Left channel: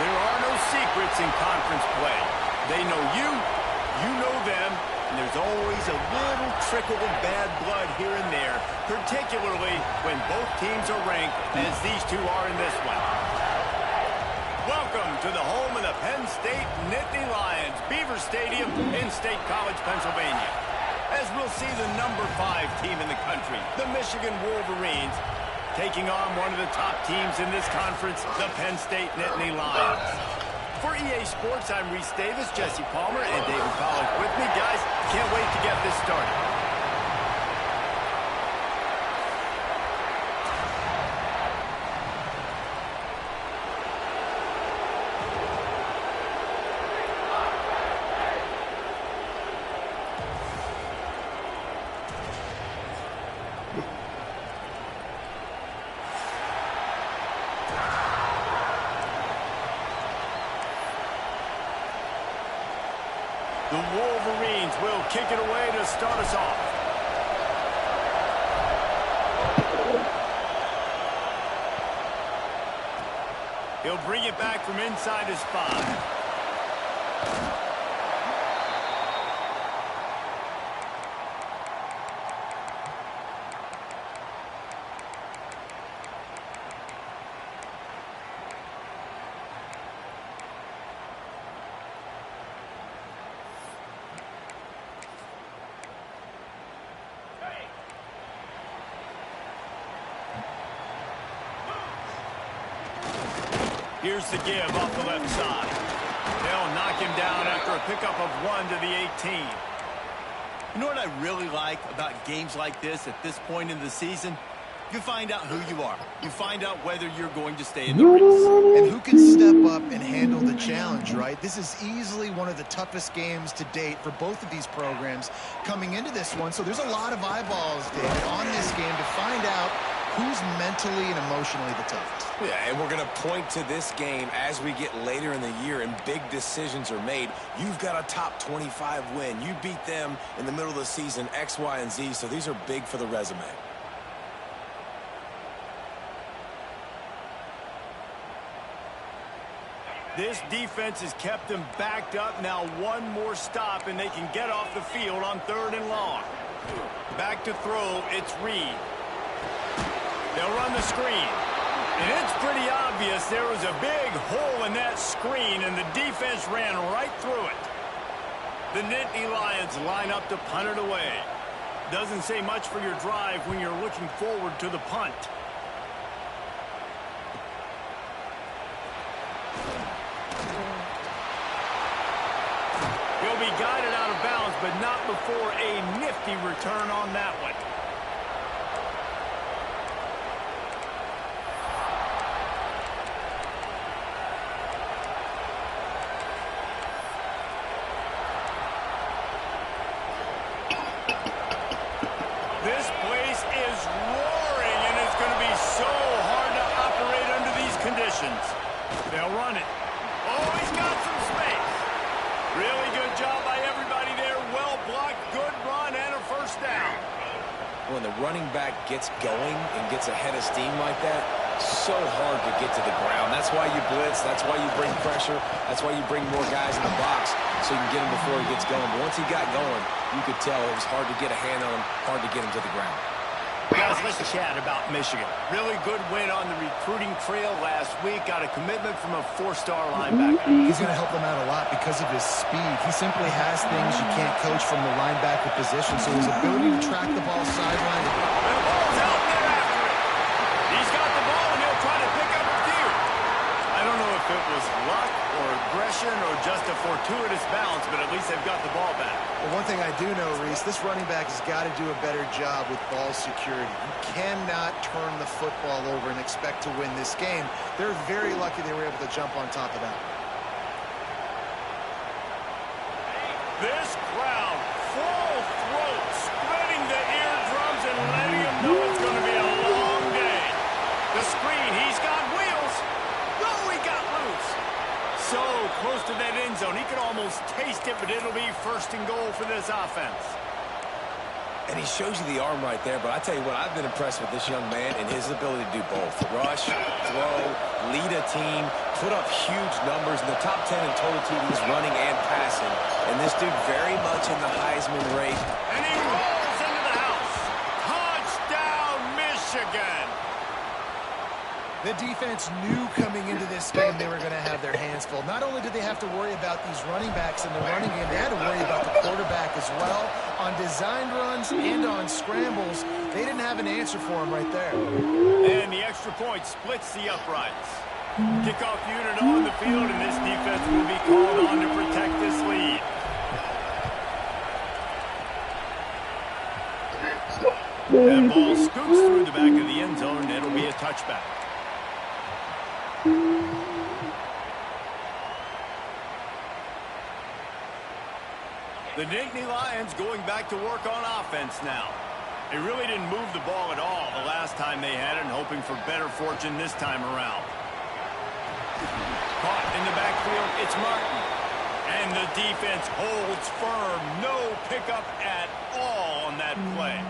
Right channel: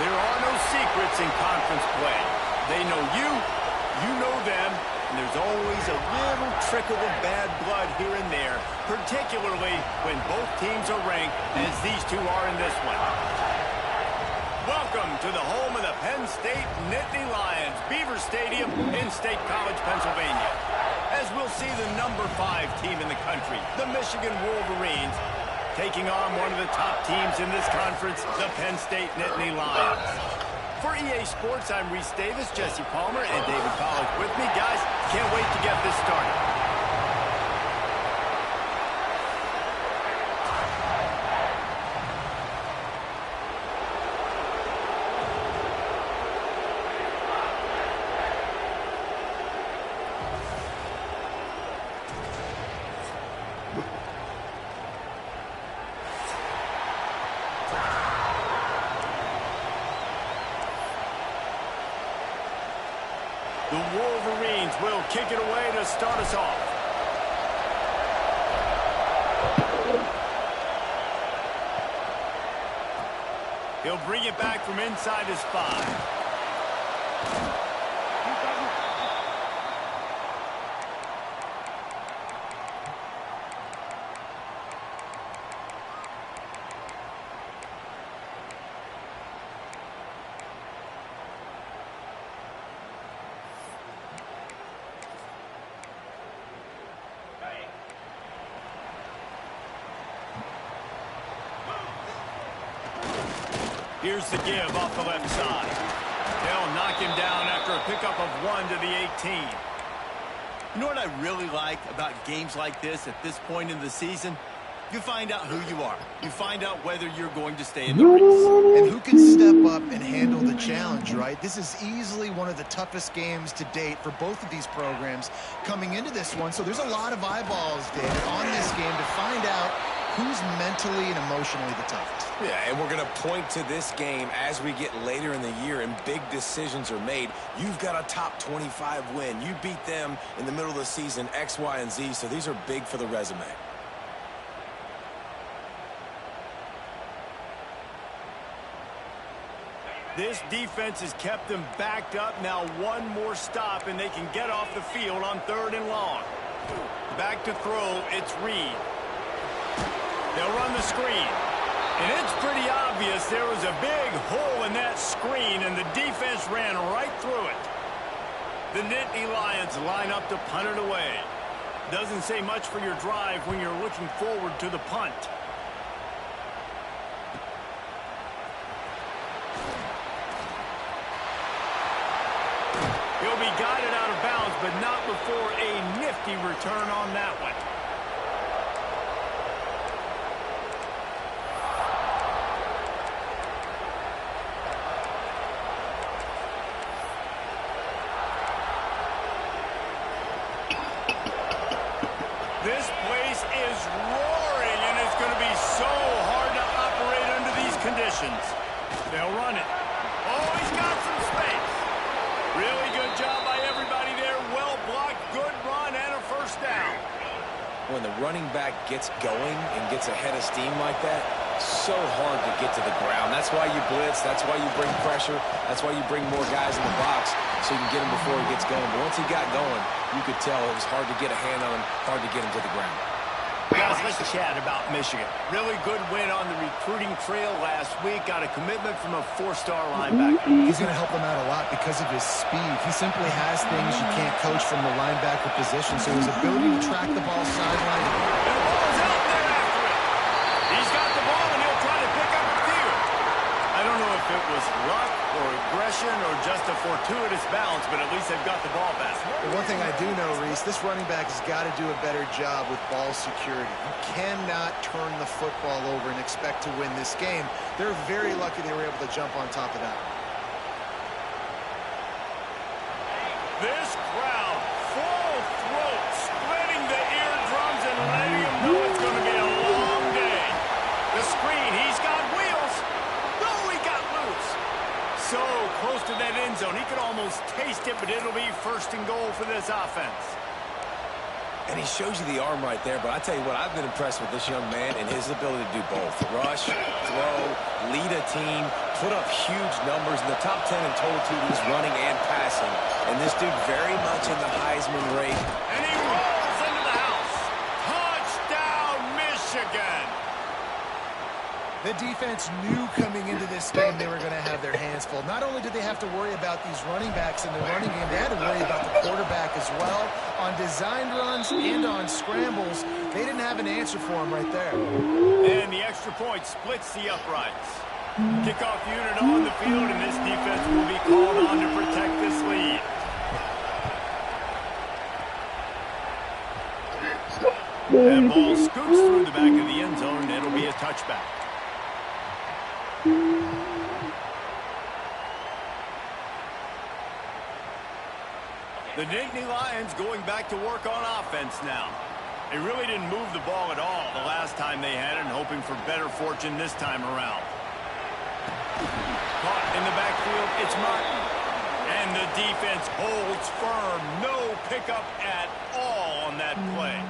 There are no secrets in conference play. They know you, you know them, and there's always a little trickle of bad blood here and there, particularly when both teams are ranked as these two are in this one. Welcome to the home of the Penn State Nittany Lions, Beaver Stadium in State College, Pennsylvania. As we'll see the number 5 team in the country, the Michigan Wolverines, taking on one of the top teams in this conference, the Penn State Nittany Lions. For EA Sports, I'm Reese Davis, Jesse Palmer, and David Pollack with me. Guys, can't wait to get this started. The Wolverines will kick it away to start us off. He'll bring it back from inside his 5. Here's the give off the left side. They'll knock him down after a pickup of 1 to the 18. You know what I really like about games like this at this point in the season? You find out who you are. You find out whether you're going to stay in the race. And who can step up and handle the challenge, right? This is easily one of the toughest games to date for both of these programs coming into this one. So there's a lot of eyeballs, David, on this game to find out who's mentally and emotionally the toughest. Yeah, and we're going to point to this game as we get later in the year and big decisions are made. You've got a top 25 win. You beat them in the middle of the season, X, Y, and Z, so these are big for the resume. This defense has kept them backed up. Now one more stop, and they can get off the field on 3rd and long. Back to throw, it's Reed. They'll run the screen. And it's pretty obvious there was a big hole in that screen, and the defense ran right through it. The Nittany Lions line up to punt it away. Doesn't say much for your drive when you're looking forward to the punt. He'll be guided out of bounds, but not before a nifty return on that one. This place is roaring, and it's going to be so hard to operate under these conditions. They'll run it. Oh, he's got some space. Really good job by everybody there. Well blocked, good run, and a first down. When the running back gets going and gets ahead of steam like that, so hard to get to the ground. That's why you blitz. That's why you bring pressure. That's why you bring more guys in the box so you can get him before he gets going. But once he got going, you could tell it was hard to get a hand on him, hard to get him to the ground. Guys, let's chat about Michigan. Really good win on the recruiting trail last week. Got a commitment from a 4-star linebacker. He's going to help them out a lot because of his speed. He simply has things you can't coach from the linebacker position. So his ability to track the ball sideline. And the ball's out there after it. He's got the ball, and he'll try to pick up a few. I don't know if it was luck or aggression or just a fortuitous bounce, but at least they've got the ball back. Well, one thing I do know, Reese, this running back has got to do a better job with ball security. You cannot turn the football over and expect to win this game. They're very lucky they were able to jump on top of that. This crowd, full throat, splitting the eardrums and letting them know it's going to be a long day. The screen, he's got wheels. No, he got loose. So close to that end zone. He could almost taste it, but it'll be 1st and goal for this offense. And he shows you the arm right there, but I tell you what, I've been impressed with this young man and his ability to do both. Rush, throw, lead a team, put up huge numbers in the top 10 in total TDs running and passing. And this dude very much in the Heisman rate. And he rolls into the house. Touchdown, Michigan. The defense knew coming into this game they were going to have their hands full. Not only did they have to worry about these running backs in the running game, they had to worry about the quarterback as well. On designed runs and on scrambles, they didn't have an answer for him right there. And the extra point splits the uprights. Kickoff unit on the field, and this defense will be called on to protect this lead. That ball scoops through the back of the end zone, and it'll be a touchback. The Nittany Lions going back to work on offense now. They really didn't move the ball at all the last time they had it, and hoping for better fortune this time around. Caught in the backfield, it's Martin. And the defense holds firm. No pickup at all on that play.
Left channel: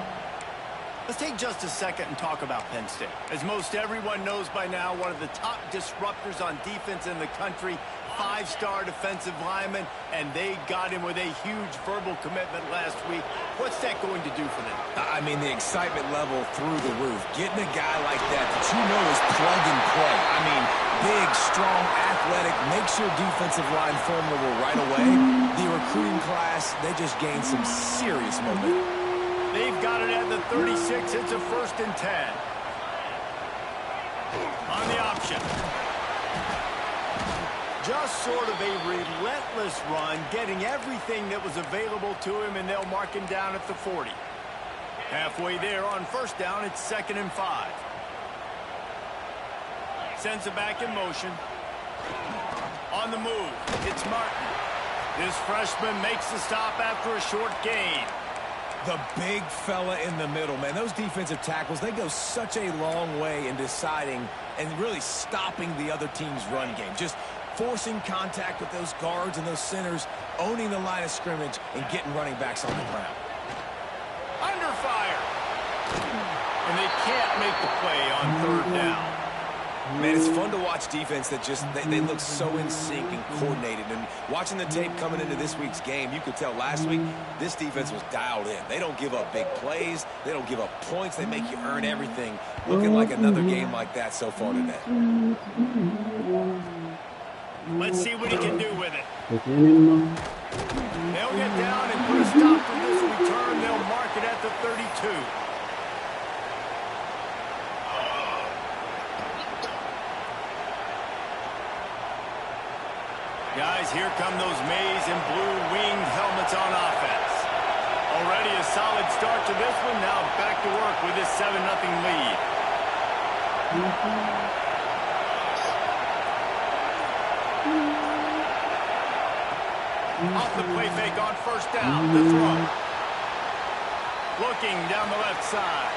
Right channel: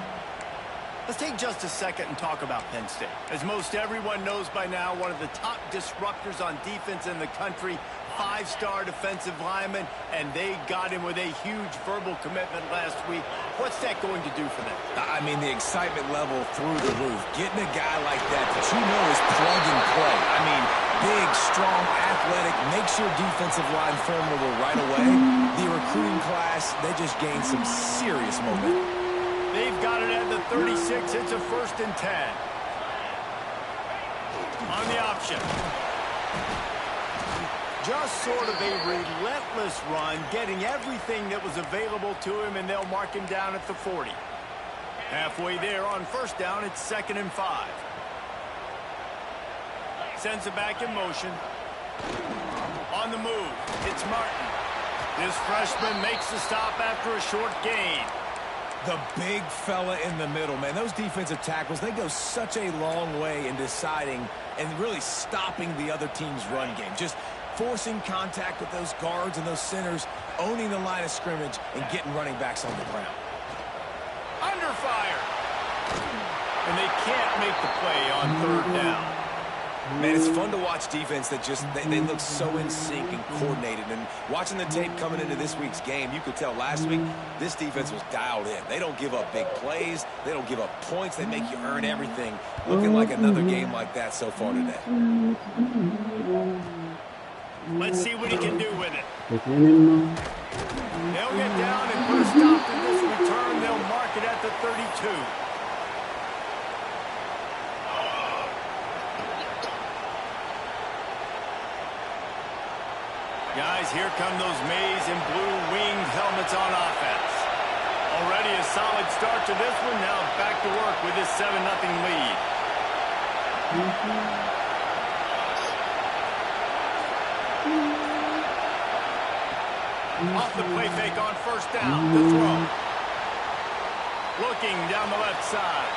Let's take just a second and talk about Penn State. As most everyone knows by now, one of the top disruptors on defense in the country, five-star defensive lineman, and they got him with a huge verbal commitment last week. What's that going to do for them? I mean, the excitement level through the roof. Getting a guy like that you know is plug and play. I mean, big, strong, athletic, makes your defensive line formidable right away. The recruiting class, they just gained some serious momentum. They've got it at the 36. It's a 1st and 10. On the option. Just sort of a relentless run, getting everything that was available to him, and they'll mark him down at the 40. Halfway there on 1st down, it's 2nd and 5. Sends it back in motion. On the move, it's Martin. This freshman makes the stop after a short gain. The big fella in the middle, man. Those defensive tackles, they go such a long way in deciding and really stopping the other team's run game. Just forcing contact with those guards and those centers, owning the line of scrimmage, and getting running backs on the ground. Under fire. And they can't make the play on 3rd down. Man, it's fun to watch defense that just, they look so in sync and coordinated. And watching the tape coming into this week's game, you could tell last week this defense was dialed in. They don't give up big plays. They don't give up points. They make you earn everything. Looking like another game like that so far today. Let's see what he can do with it. They'll get down and put a stop to this return. They'll mark it at the 32. Guys, here come those maize and blue winged helmets on offense. Already a solid start to this one. Now back to work with this 7-0 lead. Off the play fake on 1st down. The throw. Looking down the left side.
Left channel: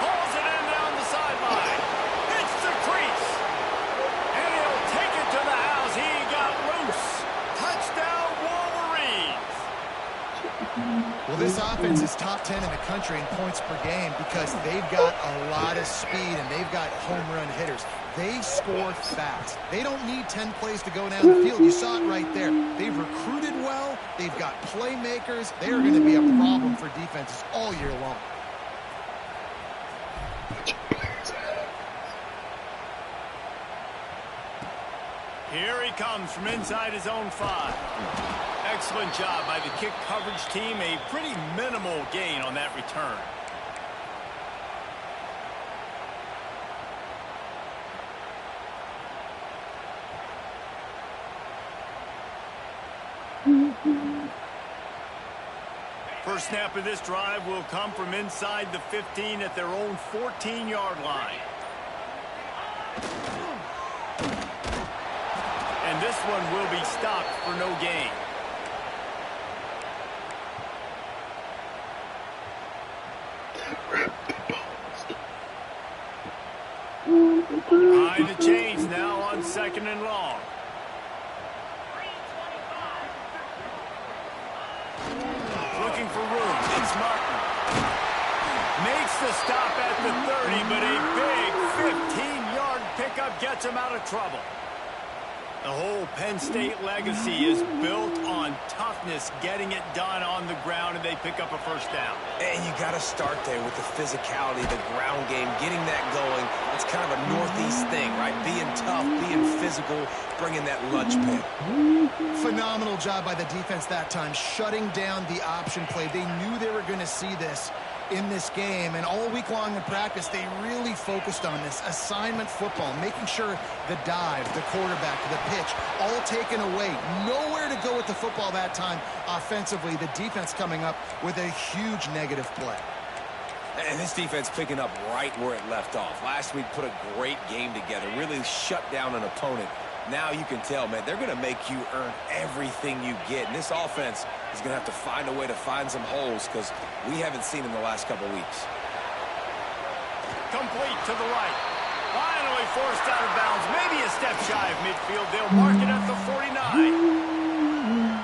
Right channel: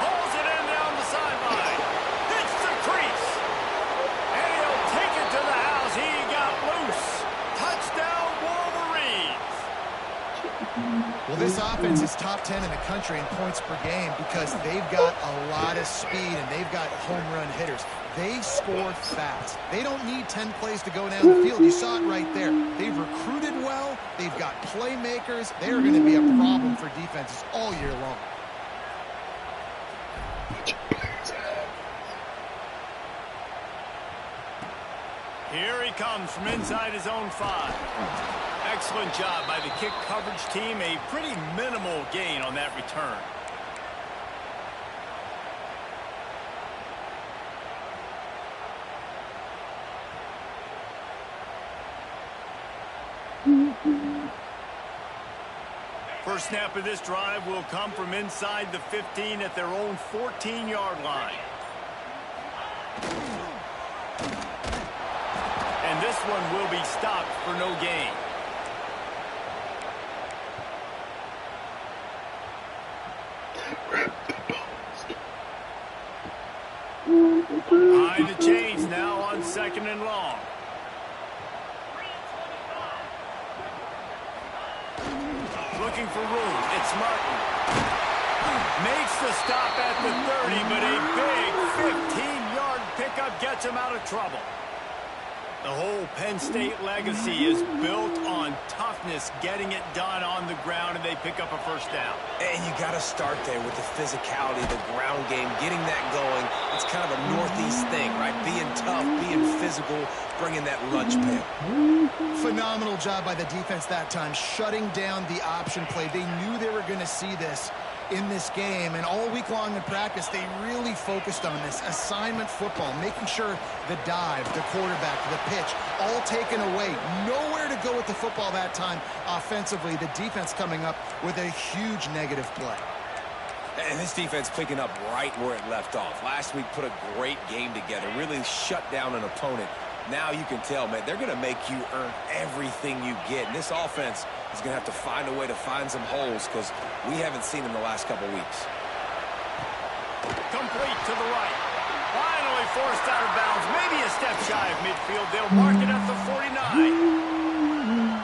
Pulls it in down the sideline. Hits the crease. And he'll take it to the house. He got loose. Touchdown, Wolverines. Well, this offense is top 10 in the country in points per game because they've got a lot of speed and they've got home run hitters. They score fast. They don't need 10 plays to go down the field. You saw it right there. They've recruited well. They've got playmakers. They are going to be a problem for defenses all year long. Here he comes from inside his own 5. Excellent job by the kick coverage team. A pretty minimal gain on that return. First snap of this drive will come from inside the 15 at their own 14-yard line. And this one will be stopped for no gain. Behind the chains now on 2nd and long. Looking for room. It's Martin. Makes the stop at the 30, but a big 15-yard pickup gets him out of trouble. The whole Penn State legacy is built on toughness, getting it done on the ground, and they pick up a first down. And you got to start there with the physicality, the ground game, getting that going. It's kind of a Northeast thing, right? Being tough, being physical, bringing that lunch pail. Phenomenal job by the defense that time, shutting down the option play. They knew they were going to see this in this game, and all week long in practice they really focused on this assignment football, making sure the dive, the quarterback, the pitch, all taken away. Nowhere to go with the football that time offensively. The defense coming up with a huge negative play. And this defense picking up right where it left off. Last week put a great game together, really shut down an opponent. Now you can tell, man, they're going to make you earn everything you get. And this offense is going to have to find a way to find some holes because we haven't seen them the last couple weeks. Complete to the right. Finally forced out of bounds. Maybe a step shy of midfield. They'll mark it at the 49.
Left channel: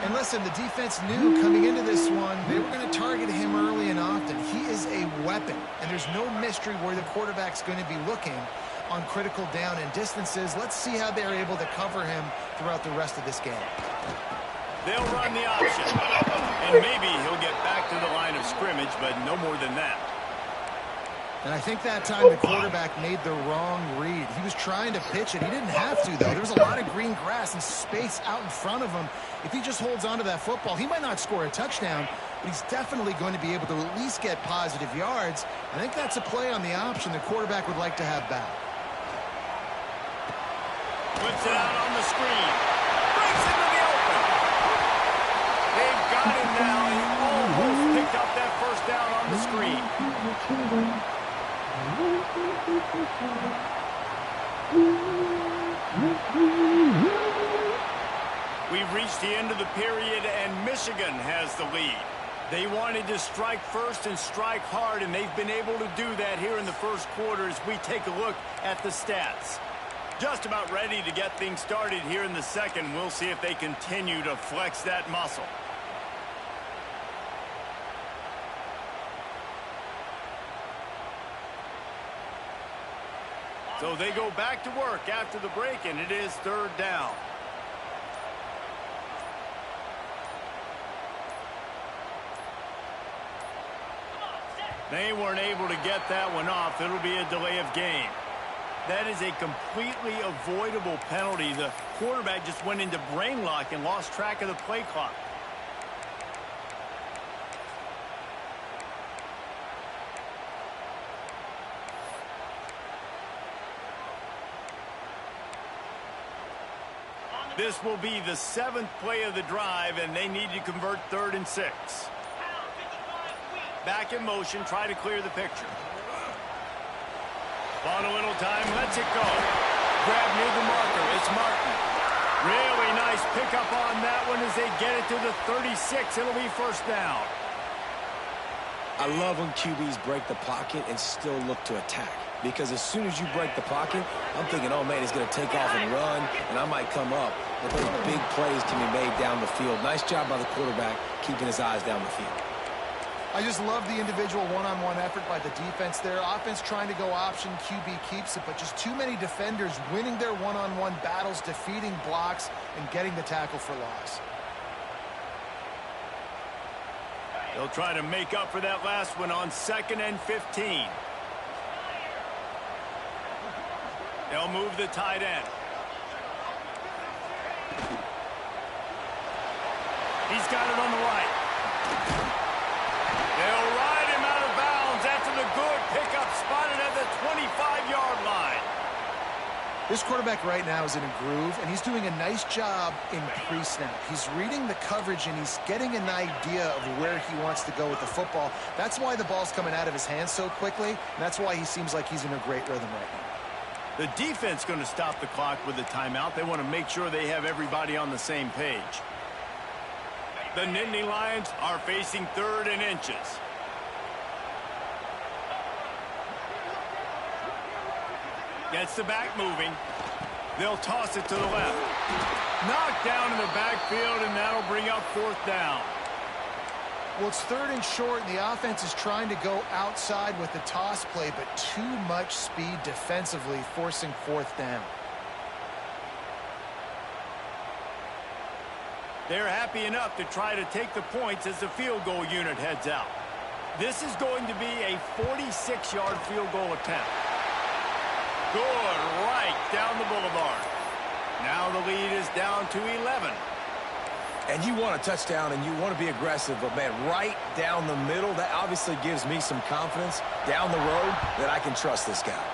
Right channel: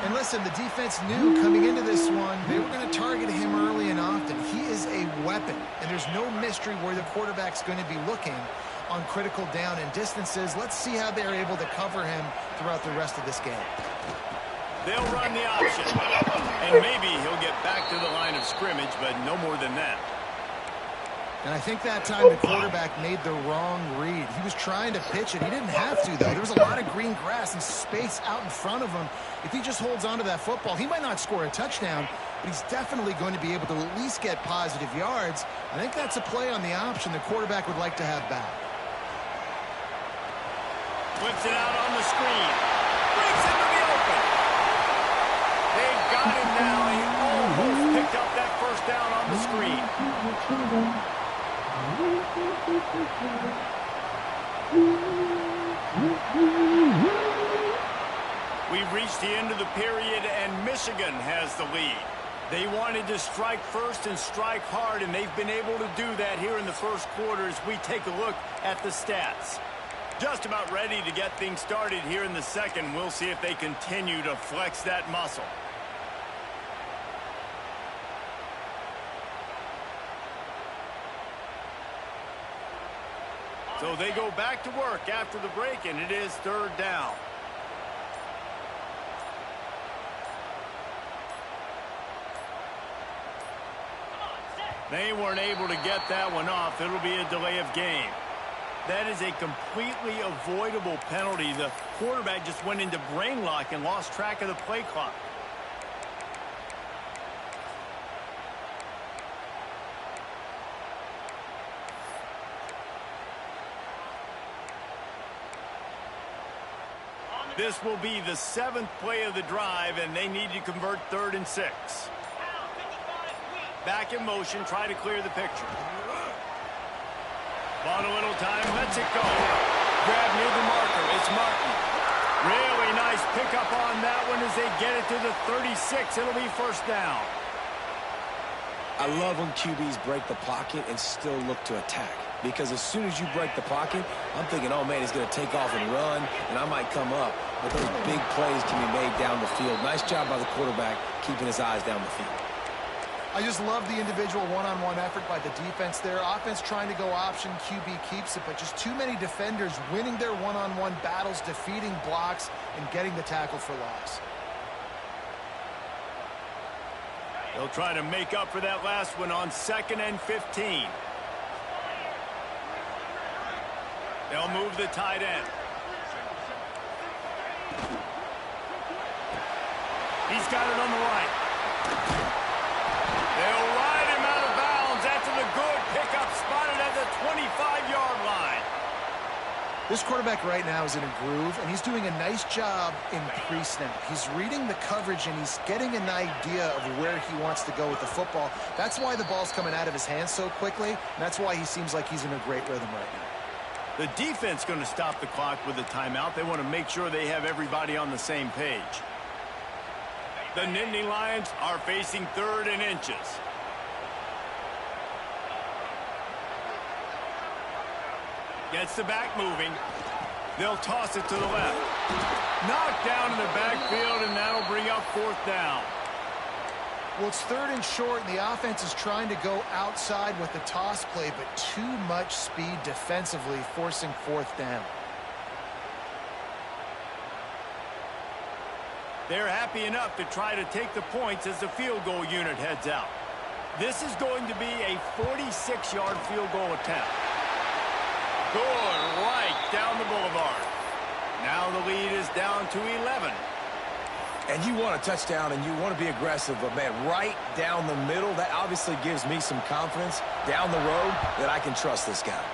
And listen, the defense knew coming into this one they were going to target him early and often. He is a weapon, and there's no mystery where the quarterback's going to be looking on critical down and distances. Let's see how they're able to cover him throughout the rest of this game. They'll run the option, and maybe he'll get back to the line of scrimmage, but no more than that. And I think that time the quarterback made the wrong read. He was trying to pitch it. He didn't have to, though. There was a lot of green grass and space out in front of him. If he just holds on to that football, he might not score a touchdown, but he's definitely going to be able to at least get positive yards. I think that's a play on the option the quarterback would like to have back. Flips it out on the screen. Breaks into the open. They've got him now. He almost picked up that first down on the screen. We've reached the end of the period, and Michigan has the lead. They wanted to strike first and strike hard, and they've been able to do that here in the first quarter as we take a look at the stats. Just about ready to get things started here in the second. We'll see if they continue to flex that muscle. So they go back to work after the break, and it is third down. They weren't able to get that one off. It'll be a delay of game. That is a completely avoidable penalty. The quarterback just went into brain lock and lost track of the play clock. This will be the 7th play of the drive, and they need to convert 3rd and 6. Back in motion, try to clear the picture. Bought a little time, lets it go. Grab near the marker, it's Martin. Really nice pickup on that one as they get it to the 36. It'll be first down. I love when QBs break the pocket and still look to attack. Because as soon as you break the pocket, I'm thinking, oh, man, he's going to take off and run, and I might come up. But those big plays can be made down the field. Nice job by the quarterback keeping his eyes down the field. I just love the individual one-on-one effort by the defense there. Offense trying to go option, QB keeps it, but just too many defenders winning their one-on-one battles, defeating blocks, and getting the tackle for loss. They'll try to make up for that last one on 2nd and 15. They'll move the tight end. He's got it on the right. They'll ride him out of bounds after the good pickup, spotted at the 25-yard line. This quarterback right now is in a groove, and he's doing a nice job in pre-snap. He's reading the coverage, and he's getting an idea of where he wants to go with the football. That's why the ball's coming out of his hands so quickly, and that's why he seems like he's in a great rhythm right now. The defense going to stop the clock with a timeout. They want to make sure they have everybody on the same page. The Nittany Lions are facing 3rd and inches. Gets the back moving. They'll toss it to the left. Knocked down in the backfield, and that'll bring up 4th down. Well, it's 3rd and short, and the offense is trying to go outside with the toss play, but too much speed defensively, forcing 4th down. They're happy enough to try to take the points as the field goal unit heads out. This is going to be a 46-yard field goal attempt. Good, right down the boulevard. Now the lead is down to 11. And you want a touchdown and you want to be aggressive, but man, right down the middle, that obviously gives me some confidence down the road that I can trust this guy.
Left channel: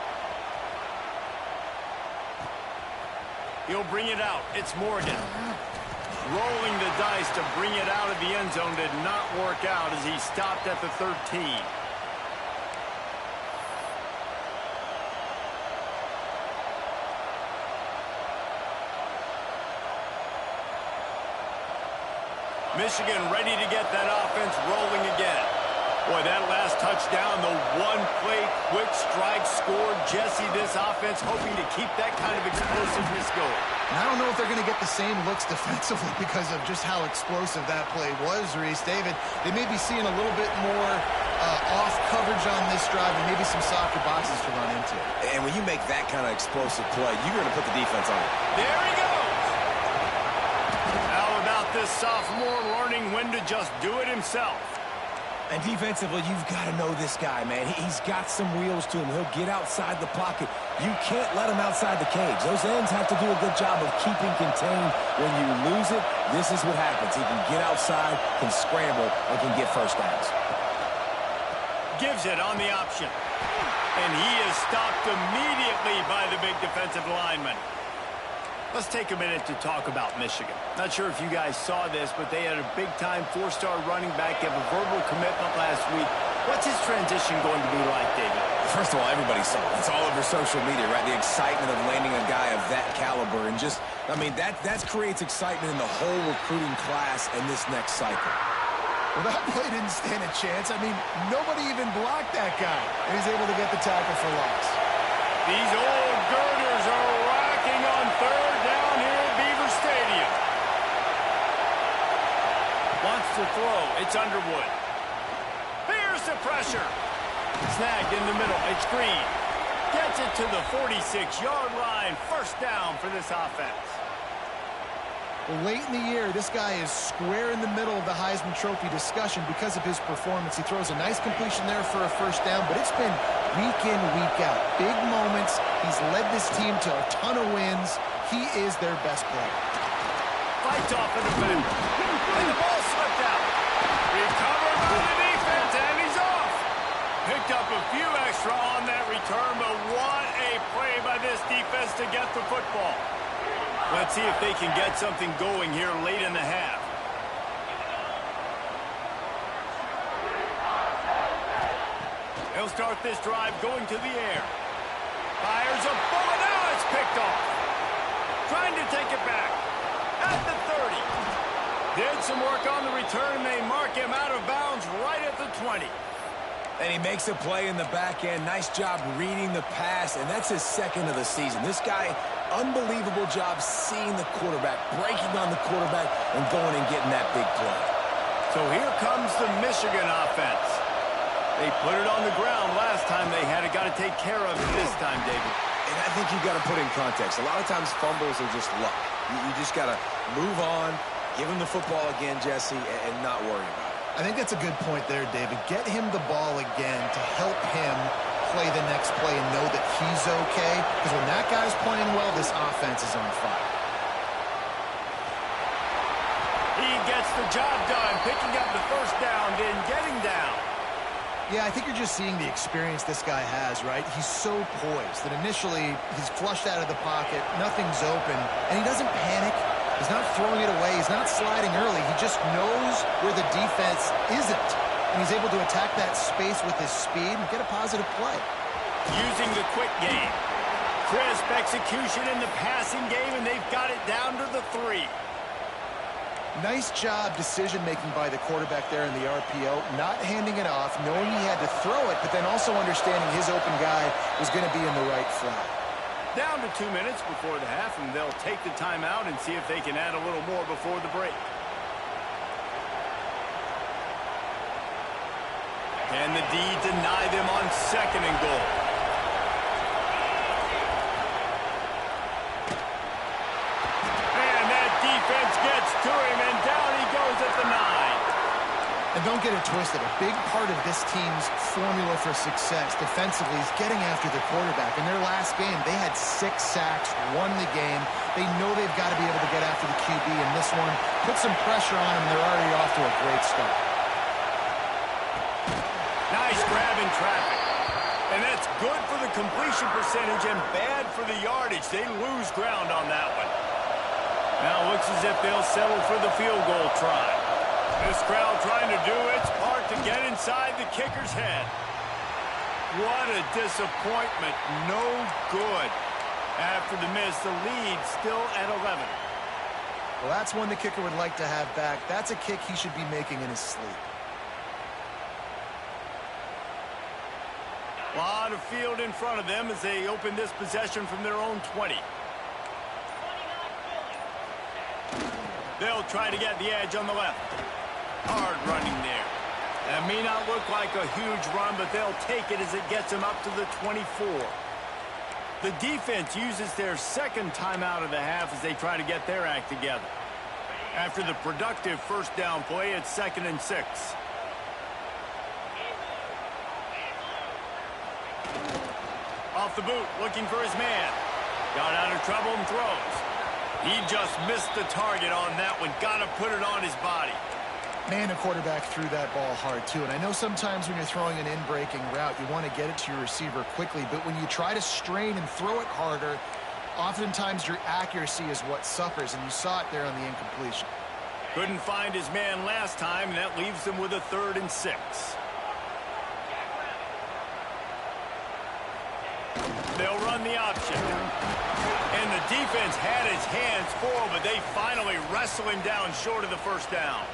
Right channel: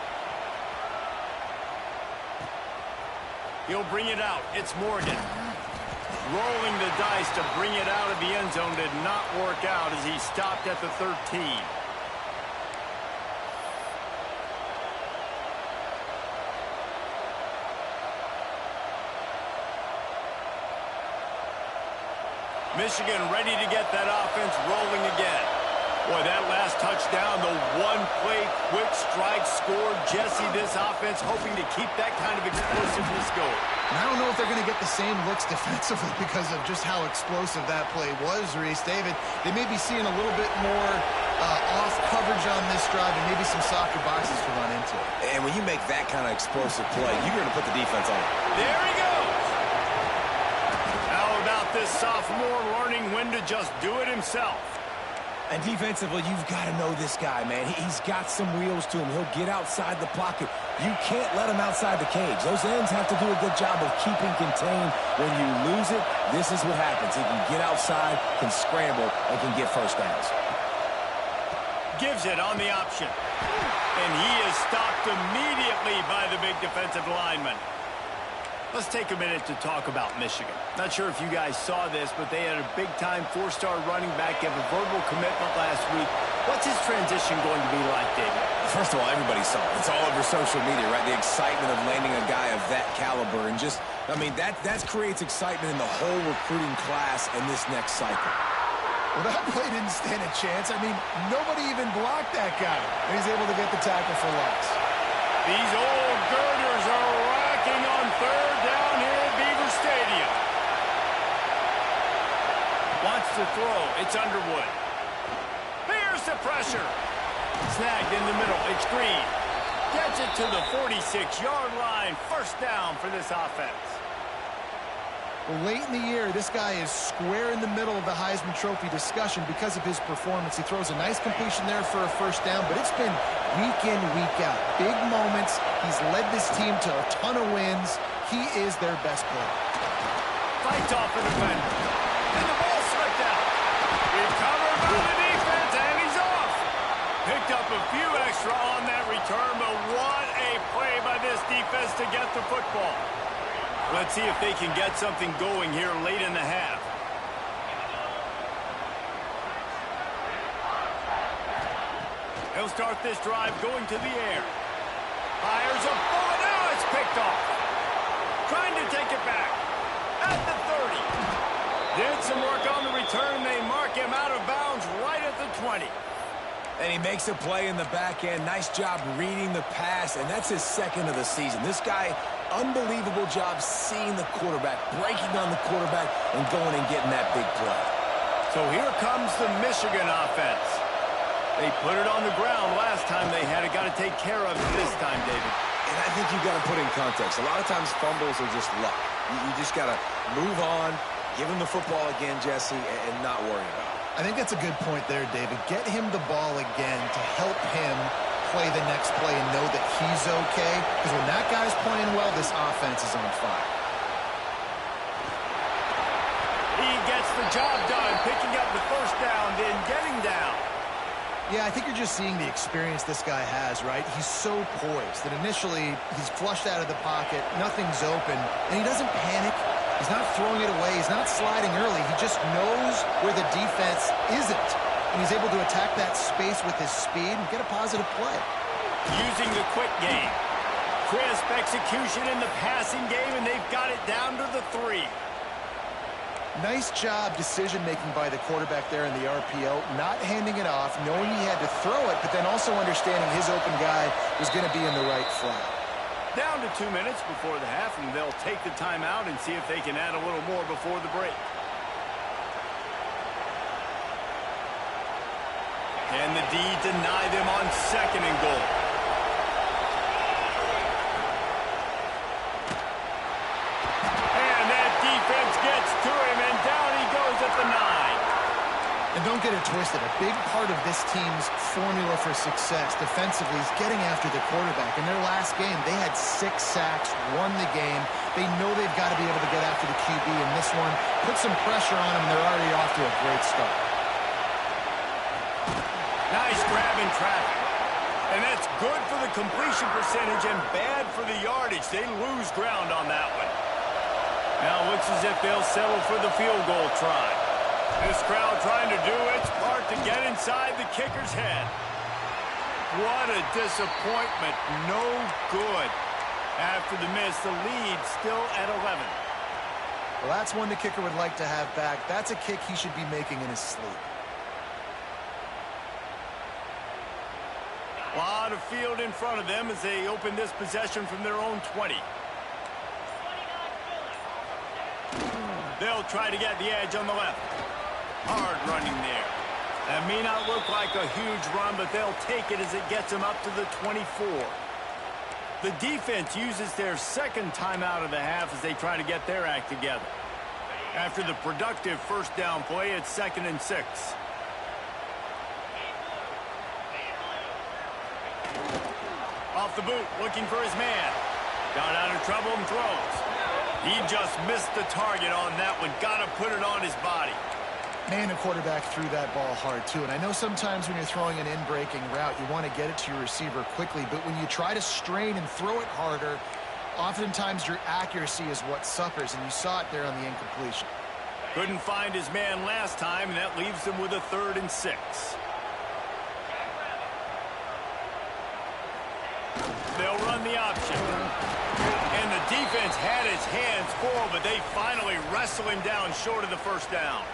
He'll bring it out. It's Morgan. Rolling the dice to bring it out of the end zone did not work out as he stopped at the 13. Michigan ready to get that offense rolling again. Boy, that last touchdown, the one-play quick strike scored. Jesse, this offense hoping to keep that kind of explosiveness going. And I don't know if they're going to get the same looks defensively because of just how explosive that play was, Reese. David, they may be seeing a little bit more off coverage on this drive and maybe some softer boxes to run into. And when you make that kind of explosive play, you're going to put the defense on it. There he goes. How about this sophomore learning when to just do it himself? And defensively, you've got to know this guy, man. He's got some wheels to him. He'll get outside the pocket. You can't let him outside the cage. Those ends have to do a good job of keeping contained. When you lose it, this is what happens. He can get outside, can scramble, and can get first downs. Gives it on the option. And he is stopped immediately by the big defensive lineman. Let's take a minute to talk about Michigan. Not sure if you guys saw this, but they had a big-time 4-star running back give a verbal commitment last week. What's his transition going to be like, David? First of all, everybody saw it. It's all over social media, right? The excitement of landing a guy of that caliber. And just, I mean, that creates excitement in the whole recruiting class in this next cycle. Well, that play didn't stand a chance. I mean, nobody even blocked that guy. And he's able to get the tackle for loss. These old girders are rocking on 3rd down here at Beaver Stadium. Wants to throw. It's Underwood. Here's the pressure. Snagged in the middle. It's Green. Gets it to the 46-yard line. 1st down for this offense. Well, late in the year, this guy is square in the middle of the Heisman Trophy discussion because of his performance. He throws a nice completion there for a 1st down, but it's been week in, week out. Big moments. He's led this team to a ton of wins. He is their best player. Fights off a defender. And the ball slipped out. Recovered by the defense, and he's off. Picked up a few extra on that return, but what a play by this defense to get the football. Let's see if they can get something going here late in the half. He'll start this drive going to the air. Fires a bullet. Now it's picked off. Trying to take it back. At the 30. Did some work on the return. They mark him out of bounds right at the 20. And he makes a play in the back end. Nice job reading the pass, and that's his 2nd of the season. This guy, unbelievable job seeing the quarterback, breaking on the quarterback, and going and getting that big play. So here comes the Michigan offense. They put it on the ground last time they had it. Got to take care of it this time, David. And I think you've got to put in context. A lot of times fumbles are just luck. You just got to move on, give him the football again, Jesse, and not worry about it. I think that's a good point there, David. Get him the ball again to help him play the next play and know that he's okay. Because when that guy's playing well, this offense is on fire. He gets the job done, picking up the 1st down, then getting down. Yeah, I think you're just seeing the experience this guy has, right? He's so poised that initially he's flushed out of the pocket, nothing's open, and he doesn't panic. He's not throwing it away. He's not sliding early. He just knows where the defense isn't. And he's able to attack that space with his speed and get a positive play. Using the quick game. Crisp execution in the passing game, and they've got it down to the 3. Nice job decision-making by the quarterback there in the RPO, not handing it off, knowing he had to throw it, but then also understanding his open guy was going to be in the right flat. Down to 2 minutes before the half, and they'll take the timeout and see if they can add a little more before the break. And the D deny them on 2nd and goal. And that defense gets to him, and down he goes at the 9. And don't get it twisted. A big part of this team's formula for success defensively is getting after the quarterback. In their last game, they had 6 sacks, won the game. They know they've got to be able to get after the QB, and this one put some pressure on them. They're already off to a great start. Nice grab in traffic. And that's good for the completion percentage and bad for the yardage. They lose ground on that one. Now it looks as if they'll settle for the field goal try. This crowd trying to do its part to get inside the kicker's head. What a disappointment. No good. After the miss, the lead still at 11. Well, that's one the kicker would like to have back. That's a kick he should be making in his sleep. A lot of field in front of them as they open this possession from their own 20. They'll try to get the edge on the left. Hard running there. That may not look like a huge run, but they'll take it as it gets them up to the 24. The defense uses their 2nd timeout of the half as they try to get their act together. After the productive 1st down play, it's 2nd and 6. Off the boot, looking for his man. Got out of trouble and throws. He just missed the target on that one. Got to put it on his body. Man, the quarterback threw that ball hard, too. And I know sometimes when you're throwing an in-breaking route, you want to get it to your receiver quickly. But when you try to strain and throw it harder, oftentimes your accuracy is what suffers. And you saw it there on the incompletion. Couldn't find his man last time, and that leaves him with a 3rd and 6. They'll run the option. And the defense had his hands full, but they finally wrestle him down short of the 1st down.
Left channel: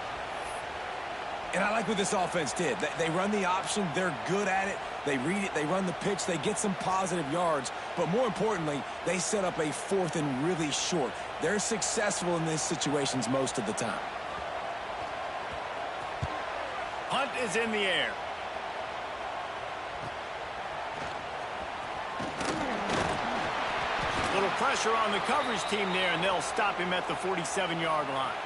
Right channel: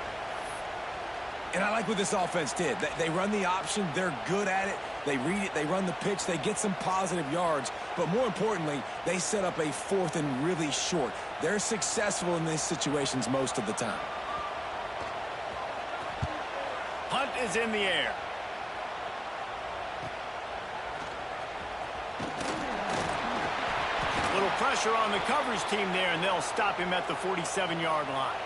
And I like what this offense did. They run the option. They're good at it. They read it. They run the pitch. They get some positive yards. But more importantly, they set up a 4th and really short. They're successful in these situations most of the time. Hunt is in the air. Little pressure on the coverage team there, and they'll stop him at the 47-yard line.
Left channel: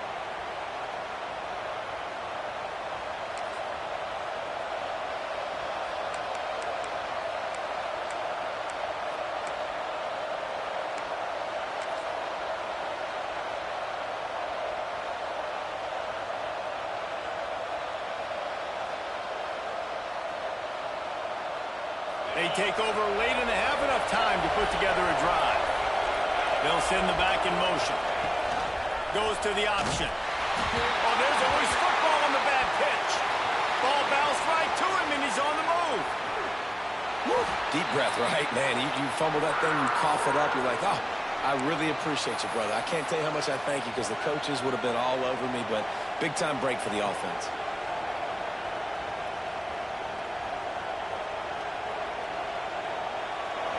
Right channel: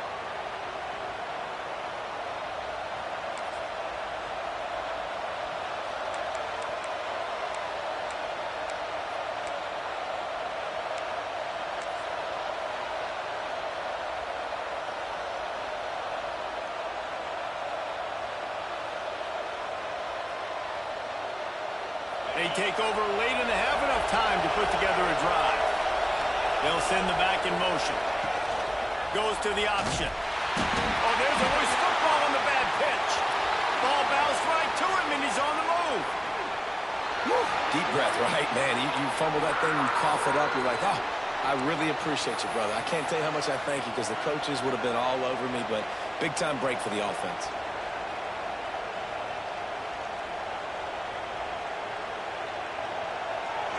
They take over late and have enough time to put together a drive. They'll send the back in motion. Goes to the option. Oh, there's a loose football on the bad pitch. Ball bounced right to him, and he's on the move. Woo. Deep breath, right? Man, you fumble that thing, you cough it up, you're like, oh, I really appreciate you, brother. I can't tell you how much I thank you because the coaches would have been all over me, but big-time break for the offense.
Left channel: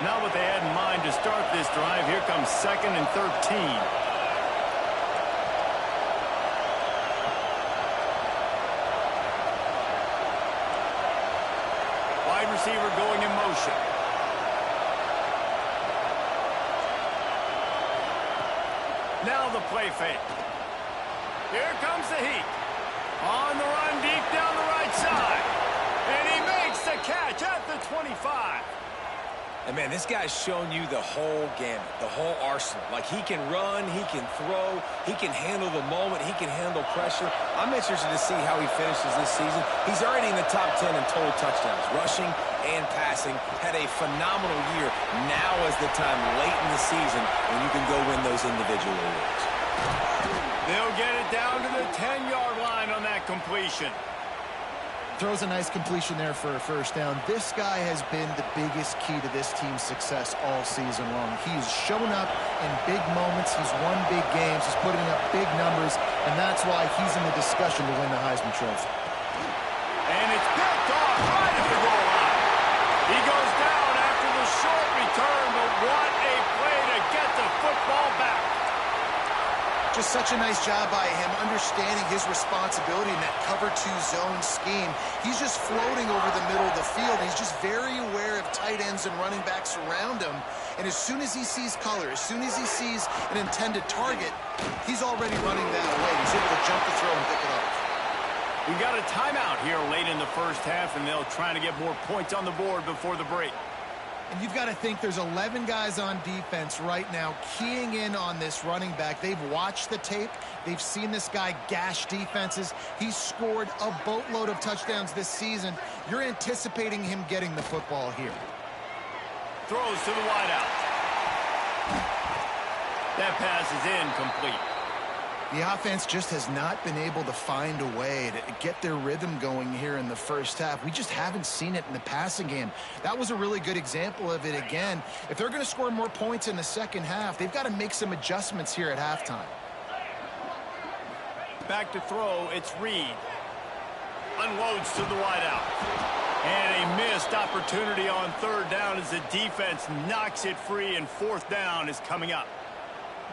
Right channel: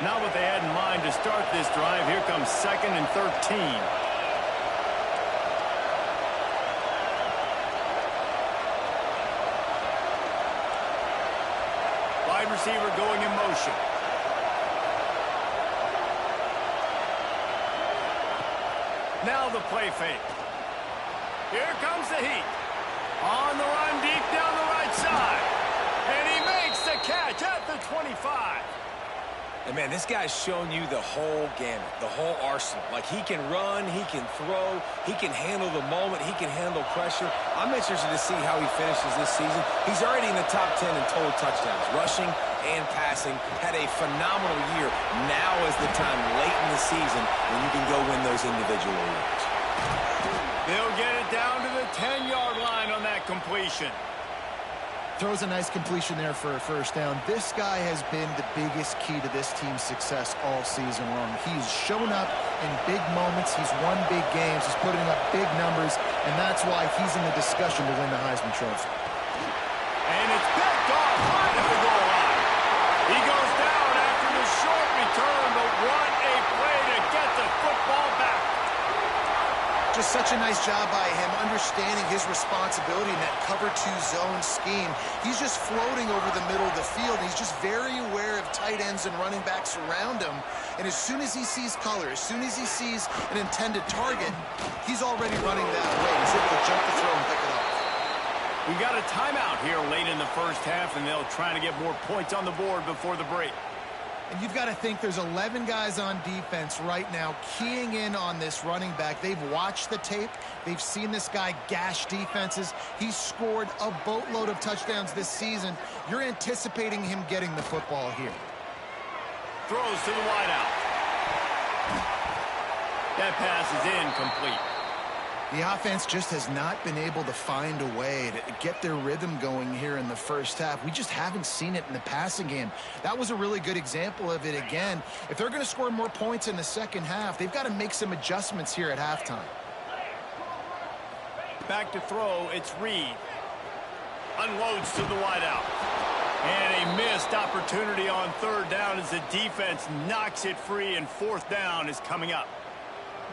Not what they had in mind to start this drive. Here comes 2nd and 13. Wide receiver going in motion. Now the play fake. Here comes the heat. On the run deep down the right side. And he makes the catch at the 25. And, man, this guy's shown you the whole gamut, the whole arsenal. Like, he can run, he can throw, he can handle the moment, he can handle pressure. I'm interested to see how he finishes this season. He's already in the top 10 in total touchdowns, rushing and passing. Had a phenomenal year. Now is the time late in the season when you can go win those individual awards. They'll get it down to the 10-yard line on that completion. Throws a nice completion there for a 1st down. This guy has been the biggest key to this team's success all season long. He's shown up in big moments. He's won big games. He's putting up big numbers, and that's why he's in the discussion to win the Heisman Trophy. And it's picked off right at the goal line. He goes down after the short return, but what a play to get the football back. Just such a nice job by him, understanding his responsibility in that cover 2 zone scheme. He's just floating over the middle of the field. He's just very aware of tight ends and running backs around him. And as soon as he sees color, as soon as he sees an intended target, he's already running that way. He's able to jump the throw and pick it off. We got a timeout here late in the first half, and they'll try to get more points on the board before the break. And you've got to think there's 11 guys on defense right now keying in on this running back. They've watched the tape. They've seen this guy gash defenses. He's scored a boatload of touchdowns this season. You're anticipating him getting the football here. Throws to the wideout. That pass is incomplete. The offense just has not been able to find a way to get their rhythm going here in the first half. We just haven't seen it in the passing game. That was a really good example of it again. If they're going to score more points in the second half, they've got to make some adjustments here at halftime. Back to throw, it's Reed. Unloads to the wideout. And a missed opportunity on third down as the defense knocks it free, and fourth down is coming up.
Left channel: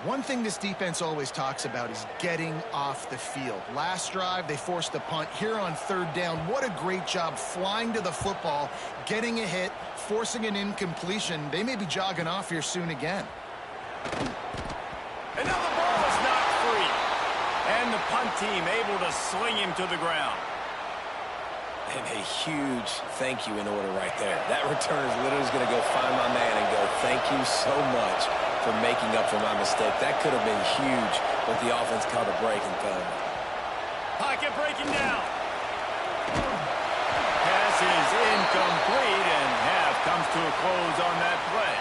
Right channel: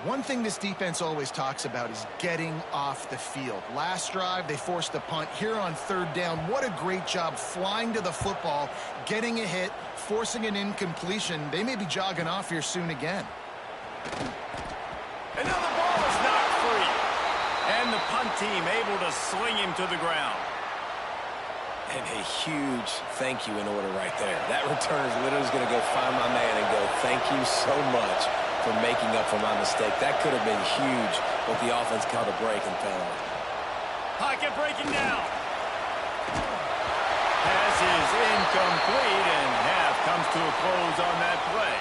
One thing this defense always talks about is getting off the field. Last drive, they forced a punt. Here on third down, what a great job flying to the football, getting a hit, forcing an incompletion. They may be jogging off here soon again. And now the ball is knocked free. And the punt team able to sling him to the ground. And a huge thank you in order right there. That return is literally going to go find my man and go, thank you so much for making up for my mistake. That could have been huge, but the offense caught a break and found it. Pocket breaking down. Pass is incomplete, and half comes to a close on that play.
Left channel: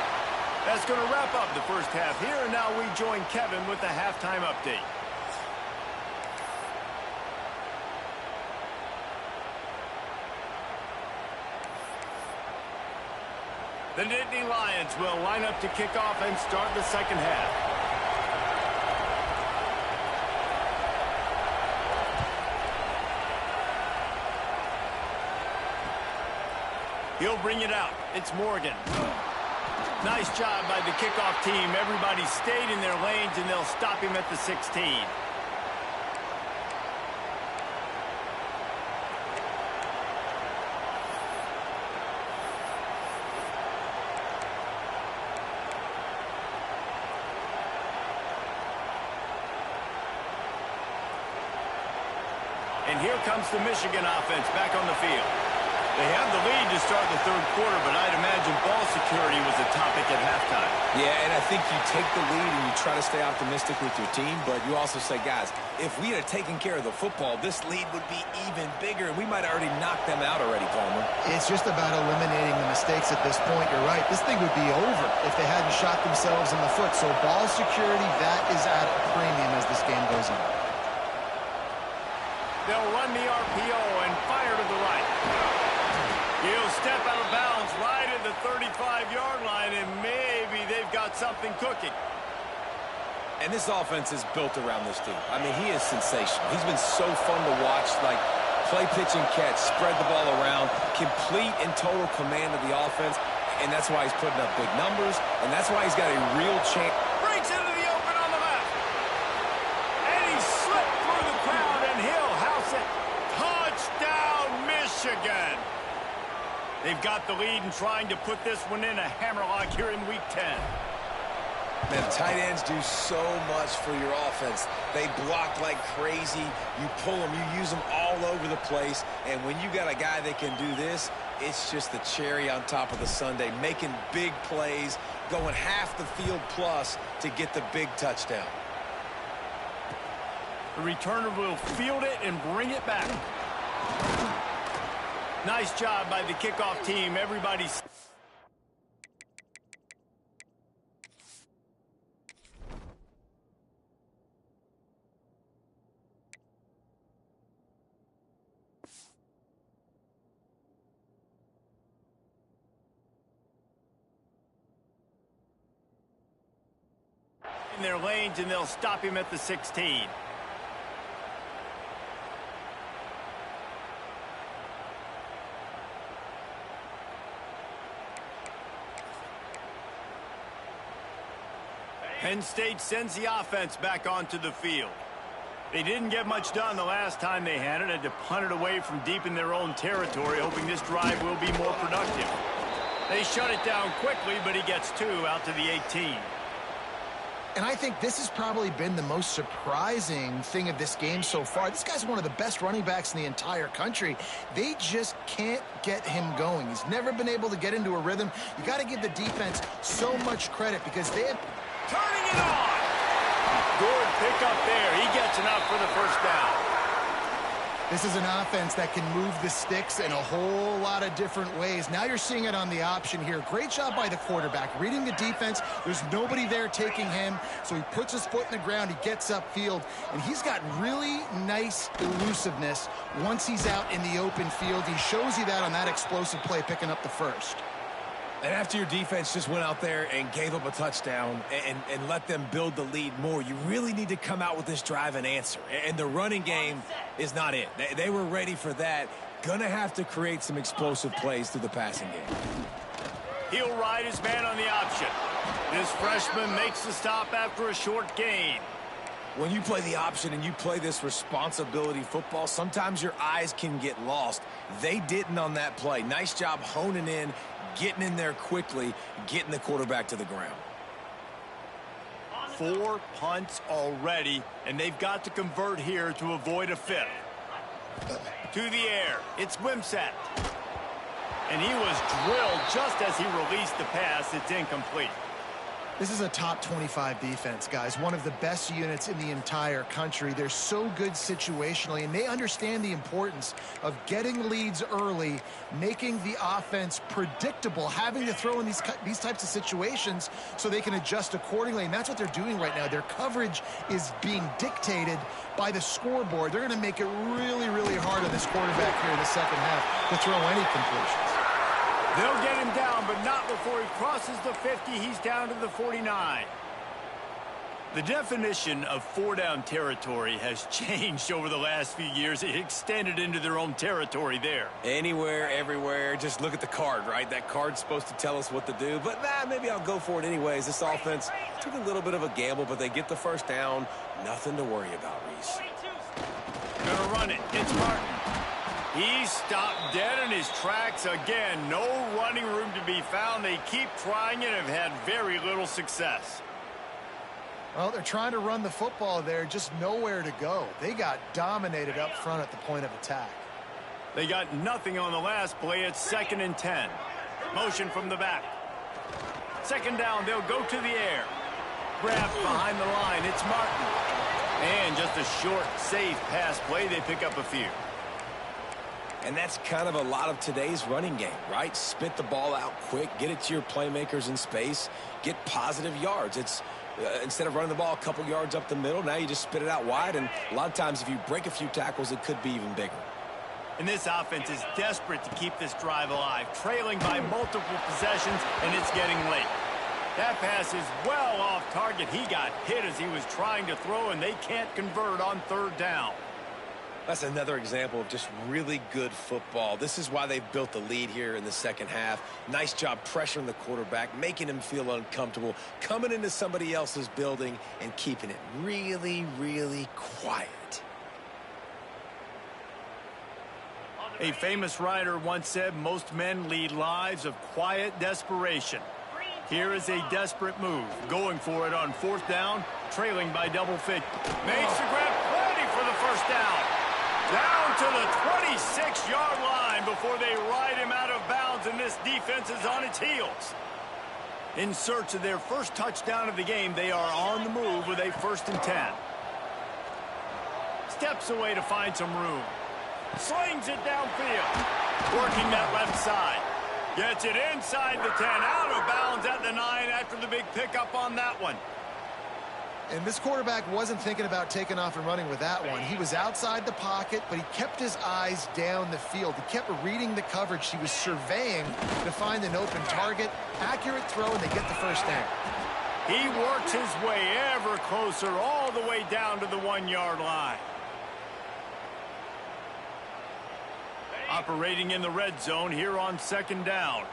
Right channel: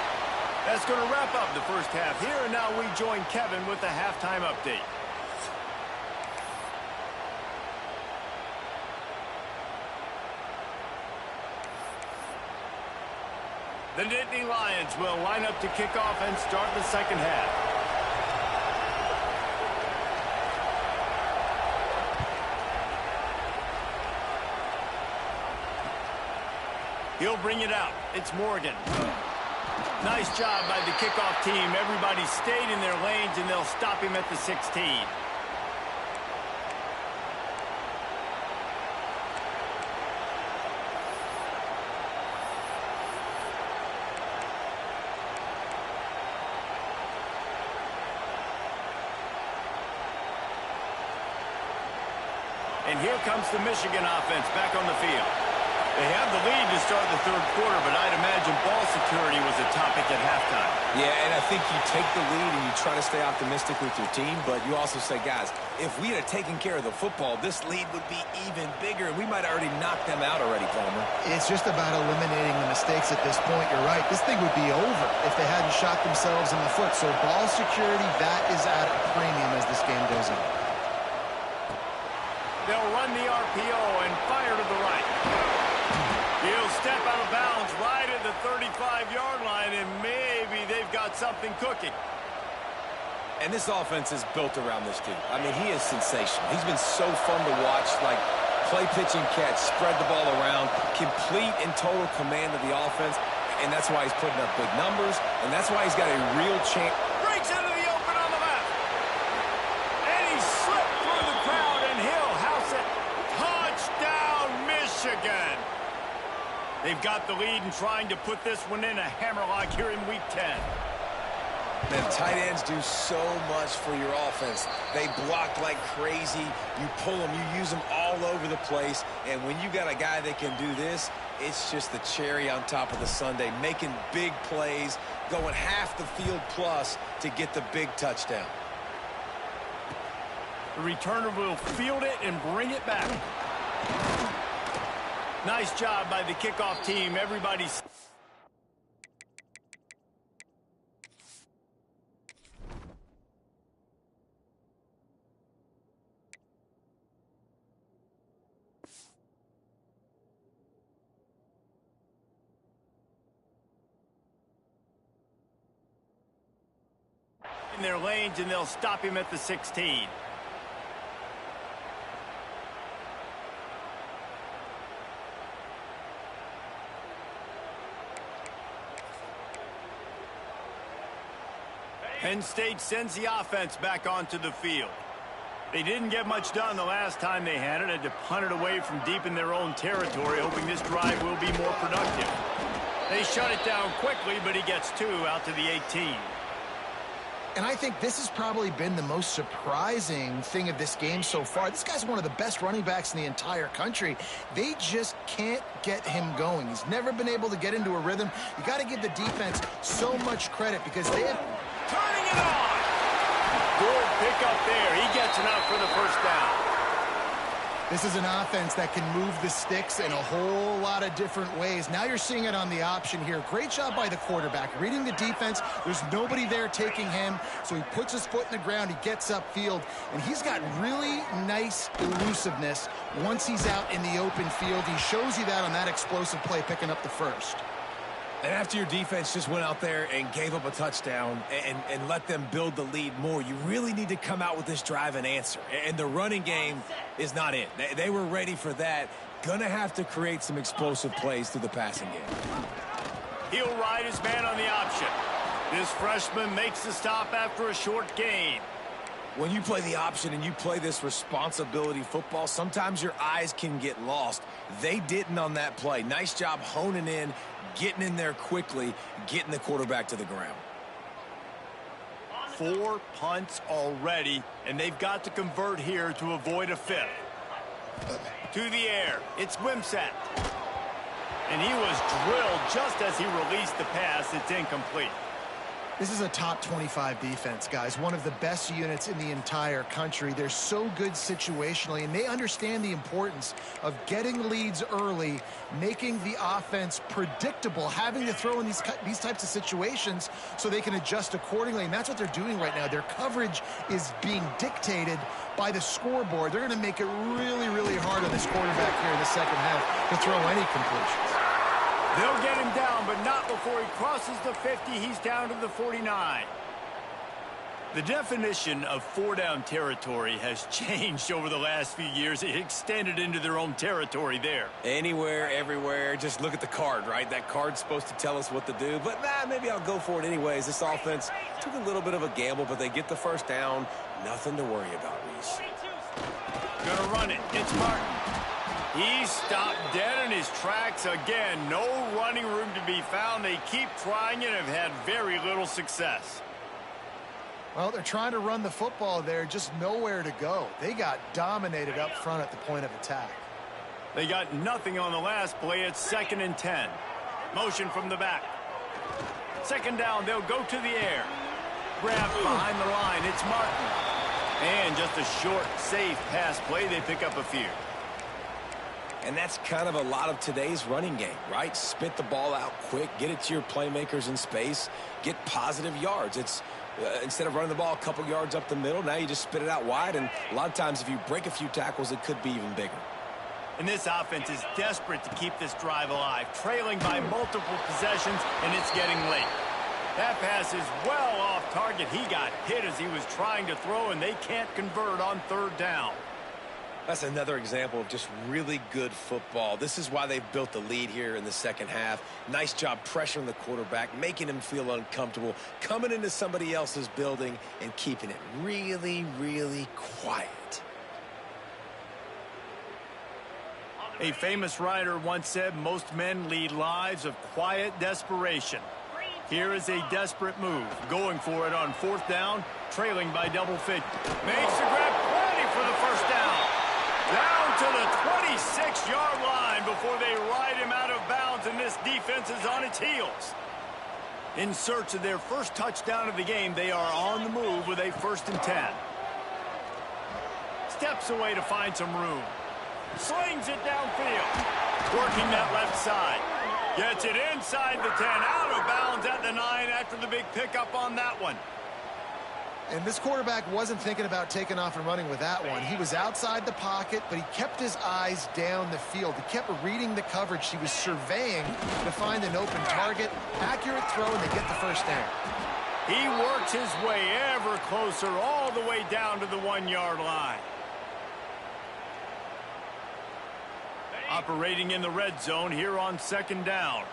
That's going to wrap up the first half here, and now we join Kevin with the halftime update. The Nittany Lions will line up to kick off and start the second half. He'll bring it out. It's Morgan. Nice job by the kickoff team. Everybody stayed in their lanes, and they'll stop him at the 16. And here comes the Michigan offense back on the field. They have the lead to start the third quarter, but I'd imagine ball security was a topic at halftime. Yeah, and I think you take the lead and you try to stay optimistic with your team, but you also say, guys, if we had taken care of the football, this lead would be even bigger, and we might have already knocked them out already, Palmer. It's just about eliminating the mistakes at this point. You're right. This thing would be over if they hadn't shot themselves in the foot. So ball security, that is at a premium as this game goes on. They'll run the RPO and fire to the right. He'll step out of bounds right at the 35-yard line, and maybe they've got something cooking. And this offense is built around this dude. I mean, he is sensational. He's been so fun to watch, like play, pitch, and catch, spread the ball around, complete and total command of the offense, and that's why he's putting up big numbers, and that's why he's got a real chance. Breaks into the open on the left. And he slipped through the crowd, and he'll house it. Touchdown, Michigan. They've got the lead and trying to put this one in a hammerlock here in Week 10. Man, tight ends do so much for your offense. They block like crazy. You pull them, you use them all over the place. And when you got a guy that can do this, it's just the cherry on top of the sundae, making big plays, going half the field plus to get the big touchdown. The returner will field it and bring it back. Nice job by the kickoff team. Everybody's... in their lanes, and they'll stop him at the 16. Penn State sends the offense back onto the field. They didn't get much done the last time they had it. Had to punt it away from deep in their own territory, hoping this drive will be more productive. They shut it down quickly, but he gets 2 out to the 18. And I think this has probably been the most surprising thing of this game so far. This guy's one of the best running backs in the entire country. They just can't get him going. He's never been able to get into a rhythm. You got to give the defense so much credit because they have... Turning it on! Good pickup there. He gets enough for the first down. This is an offense that can move the sticks in a whole lot of different ways. Now you're seeing it on the option here. Great job by the quarterback. Reading the defense. There's nobody there taking him. So he puts his foot in the ground. He gets upfield. And he's got really nice elusiveness once he's out in the open field. He shows you that on that explosive play, picking up the first. And after your defense just went out there and gave up a touchdown and let them build the lead more, you really need to come out with this drive and answer. And the running game is not it. They were ready for that. Gonna have to create some explosive plays through the passing game. He'll ride his man on the option. This freshman makes the stop after a short gain. When you play the option and you play this responsibility football, sometimes your eyes can get lost. They didn't on that play. Nice job honing in, getting in there quickly, getting the quarterback to the ground. 4 punts already, and they've got to convert here to avoid a 5th. To the air, it's Wimsatt. And he was drilled just as he released the pass. It's incomplete. This is a top 25 defense, guys. One of the best units in the entire country. They're so good situationally, and they understand the importance of getting leads early, making the offense predictable, having to throw in these types of situations so they can adjust accordingly, and that's what they're doing right now. Their coverage is being dictated by the scoreboard. They're going to make it really, really hard on this quarterback here in the second half to throw any completions. They'll get him down, but not before he crosses the 50. He's down to the 49. The definition of 4-down territory has changed over the last few years. It extended into their own territory there. Anywhere, everywhere. Just look at the card, right? That card's supposed to tell us what to do. But, maybe I'll go for it anyways. This offense took a little bit of a gamble, but they get the first down. Nothing to worry about, Reese. Gonna run it. It's Martin. He's stopped dead in his tracks again. No running room to be found. They keep trying and have had very little success. Well, they're trying to run the football there, just nowhere to go. They got dominated up front at the point of attack. They got nothing on the last play. It's 2nd and 10. Motion from the back. Second down, they'll go to the air. Grabbed behind the line. It's Martin. And just a short, safe pass play. They pick up a few. And that's kind of a lot of today's running game, right? Spit the ball out quick, get it to your playmakers in space, get positive yards. It's instead of running the ball a couple yards up the middle, now you just spit it out wide, and a lot of times if you break a few tackles, it could be even bigger. And this offense is desperate to keep this drive alive, trailing by multiple possessions, and it's getting late. That pass is well off target. He got hit as he was trying to throw, and they can't convert on 3rd down. That's another example of just really good football. This is why they've built the lead here in the second half. Nice job pressuring the quarterback, making him feel uncomfortable, coming into somebody else's building and keeping it really, really quiet. A famous writer once said, most men lead lives of quiet desperation. Here is a desperate move, going for it on 4th down, trailing by double figures. Makes the grab, plenty for the first down. Down to the 26-yard line before they ride him out of bounds, and this defense is on its heels. In search of their first touchdown of the game, they are on the move with a 1st and 10. Steps away to find some room. Slings it downfield. Working that left side. Gets it inside the 10, out of bounds at the 9 after the big pickup on that one. And this quarterback wasn't thinking about taking off and running with that one. He was outside the pocket, but he kept his eyes down the field. He kept reading the coverage. He was surveying to find an open target. Accurate throw, and they get the first down. He works his way ever closer, all the way down to the 1-yard line. Operating in the red zone here on 2nd down.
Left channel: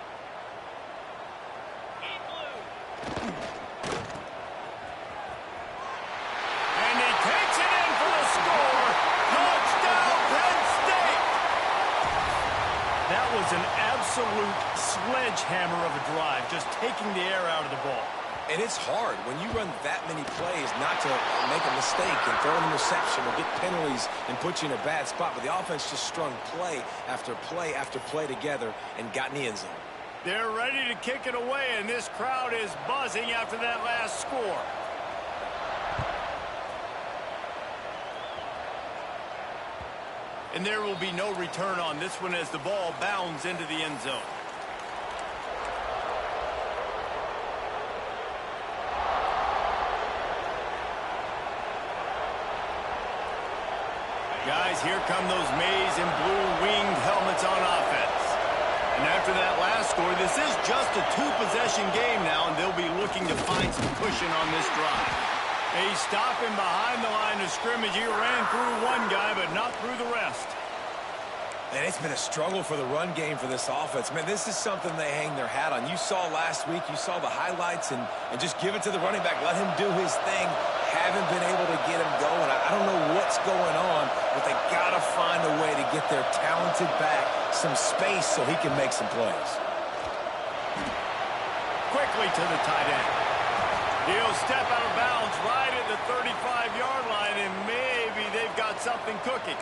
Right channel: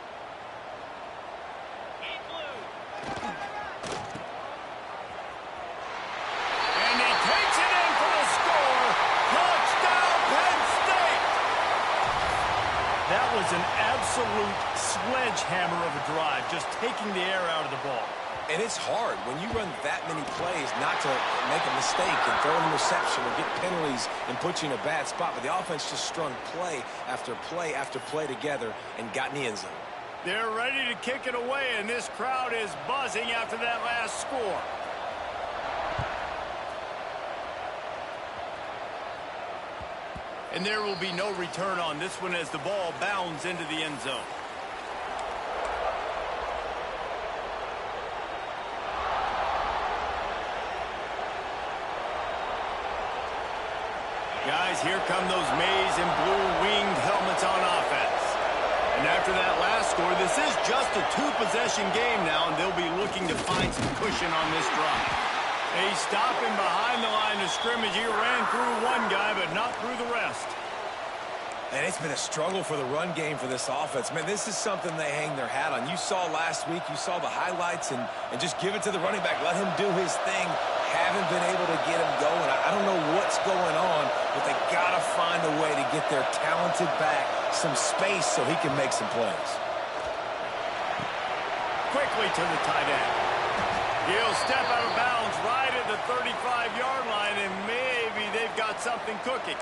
That was an absolute sledgehammer of a drive, just taking the air out of the ball. And it's hard when you run that many plays not to make a mistake and throw an interception or get penalties and put you in a bad spot. But the offense just strung play after play after play together and got in the end zone. They're ready to kick it away, and this crowd is buzzing after that last score. And there will be no return on this one as the ball bounds into the end zone. Guys, here come those maize and blue-winged helmets on offense. And after that last score, this is just a two-possession game now, and they'll be looking to find some cushion on this drive. They stop him behind the line of scrimmage. He ran through one guy, but not through the rest. And it's been a struggle for the run game for this offense. Man, this is something they hang their hat on. You saw last week, you saw the highlights, and just give it to the running back. Let him do his thing. Haven't been able to get him going. I don't know what's going on, but they got to find a way to get their talented back some space so he can make some plays. Quickly to the tight end. He'll step out of bounds right at the 35-yard line, and maybe they've got something cooking.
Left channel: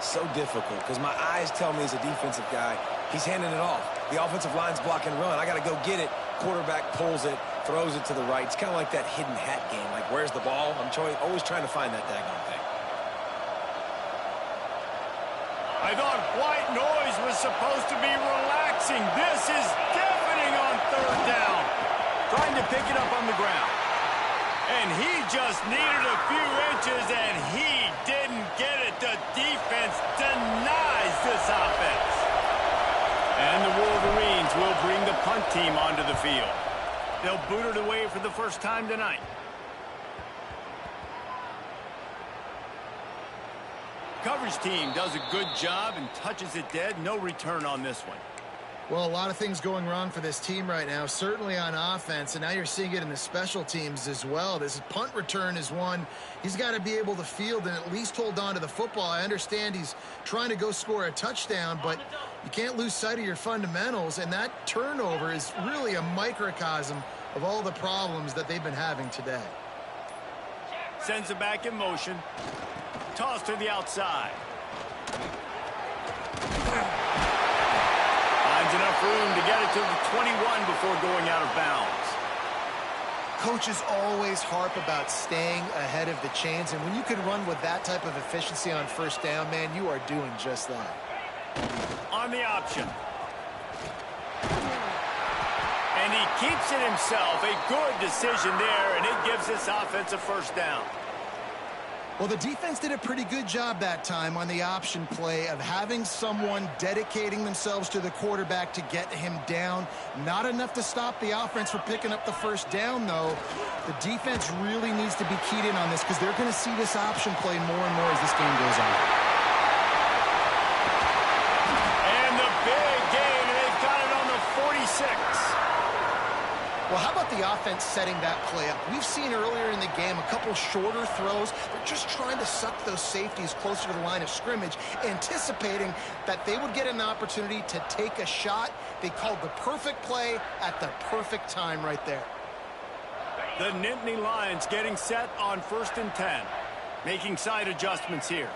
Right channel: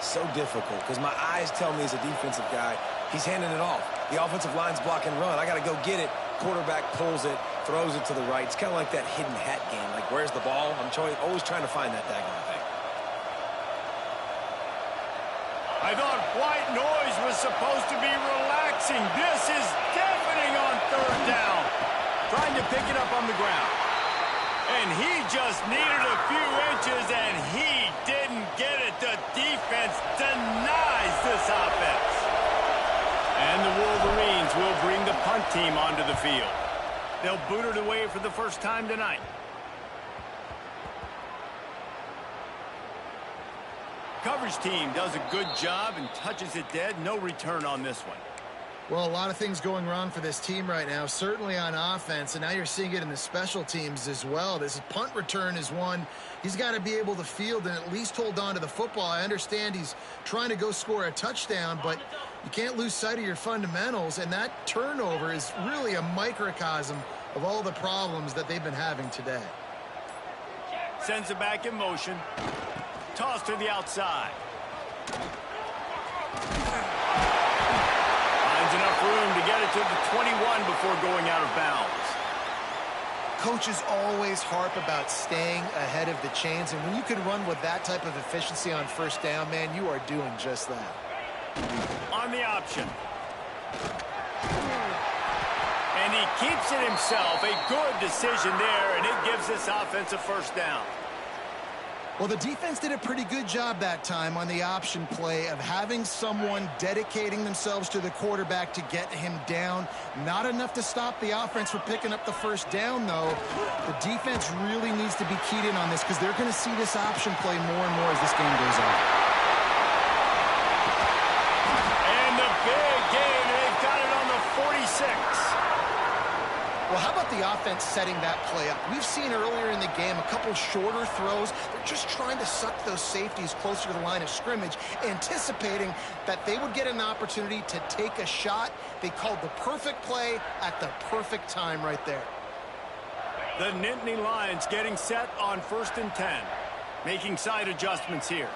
So difficult because my eyes tell me as a defensive guy, he's handing it off. The offensive line's block and run. I got to go get it. Quarterback pulls it, throws it to the right. It's kind of like that hidden hat game. Like, where's the ball? I'm always trying to find that daggone thing. I thought white noise was supposed to be relaxing. This is deafening on third down. Trying to pick it up on the ground. And he just needed a few inches, and he didn't get it. The defense denies this offense. And the Wolverines will bring the punt team onto the field. They'll boot it away for the first time tonight. Coverage team does a good job and touches it dead. No return on this one. Well, a lot of things going wrong for this team right now, certainly on offense, and now you're seeing it in the special teams as well. This punt return is one he's got to be able to field and at least hold on to the football. I understand he's trying to go score a touchdown, but you can't lose sight of your fundamentals, and that turnover is really a microcosm of all the problems that they've been having today. Sends it back in motion. Toss to the outside. Finds enough room to get it to the 21 before going out of bounds. Coaches always harp about staying ahead of the chains, and when you can run with that type of efficiency on first down, man, you are doing just that. On the option. And he keeps it himself. A good decision there, and it gives this offense a first down. Well, the defense did a pretty good job that time on the option play of having someone dedicating themselves to the quarterback to get him down. Not enough to stop the offense from picking up the first down, though. The defense really needs to be keyed in on this because they're going to see this option play more and more as this game goes on. And the big gain, and they've got it on the 46. Well, how about the offense setting that play up? We've seen earlier in the game a couple shorter throws. They're just trying to suck those safeties closer to the line of scrimmage, anticipating that they would get an opportunity to take a shot. They called the perfect play at the perfect time right there. The Nittany Lions getting set on 1st and 10. Making side adjustments here.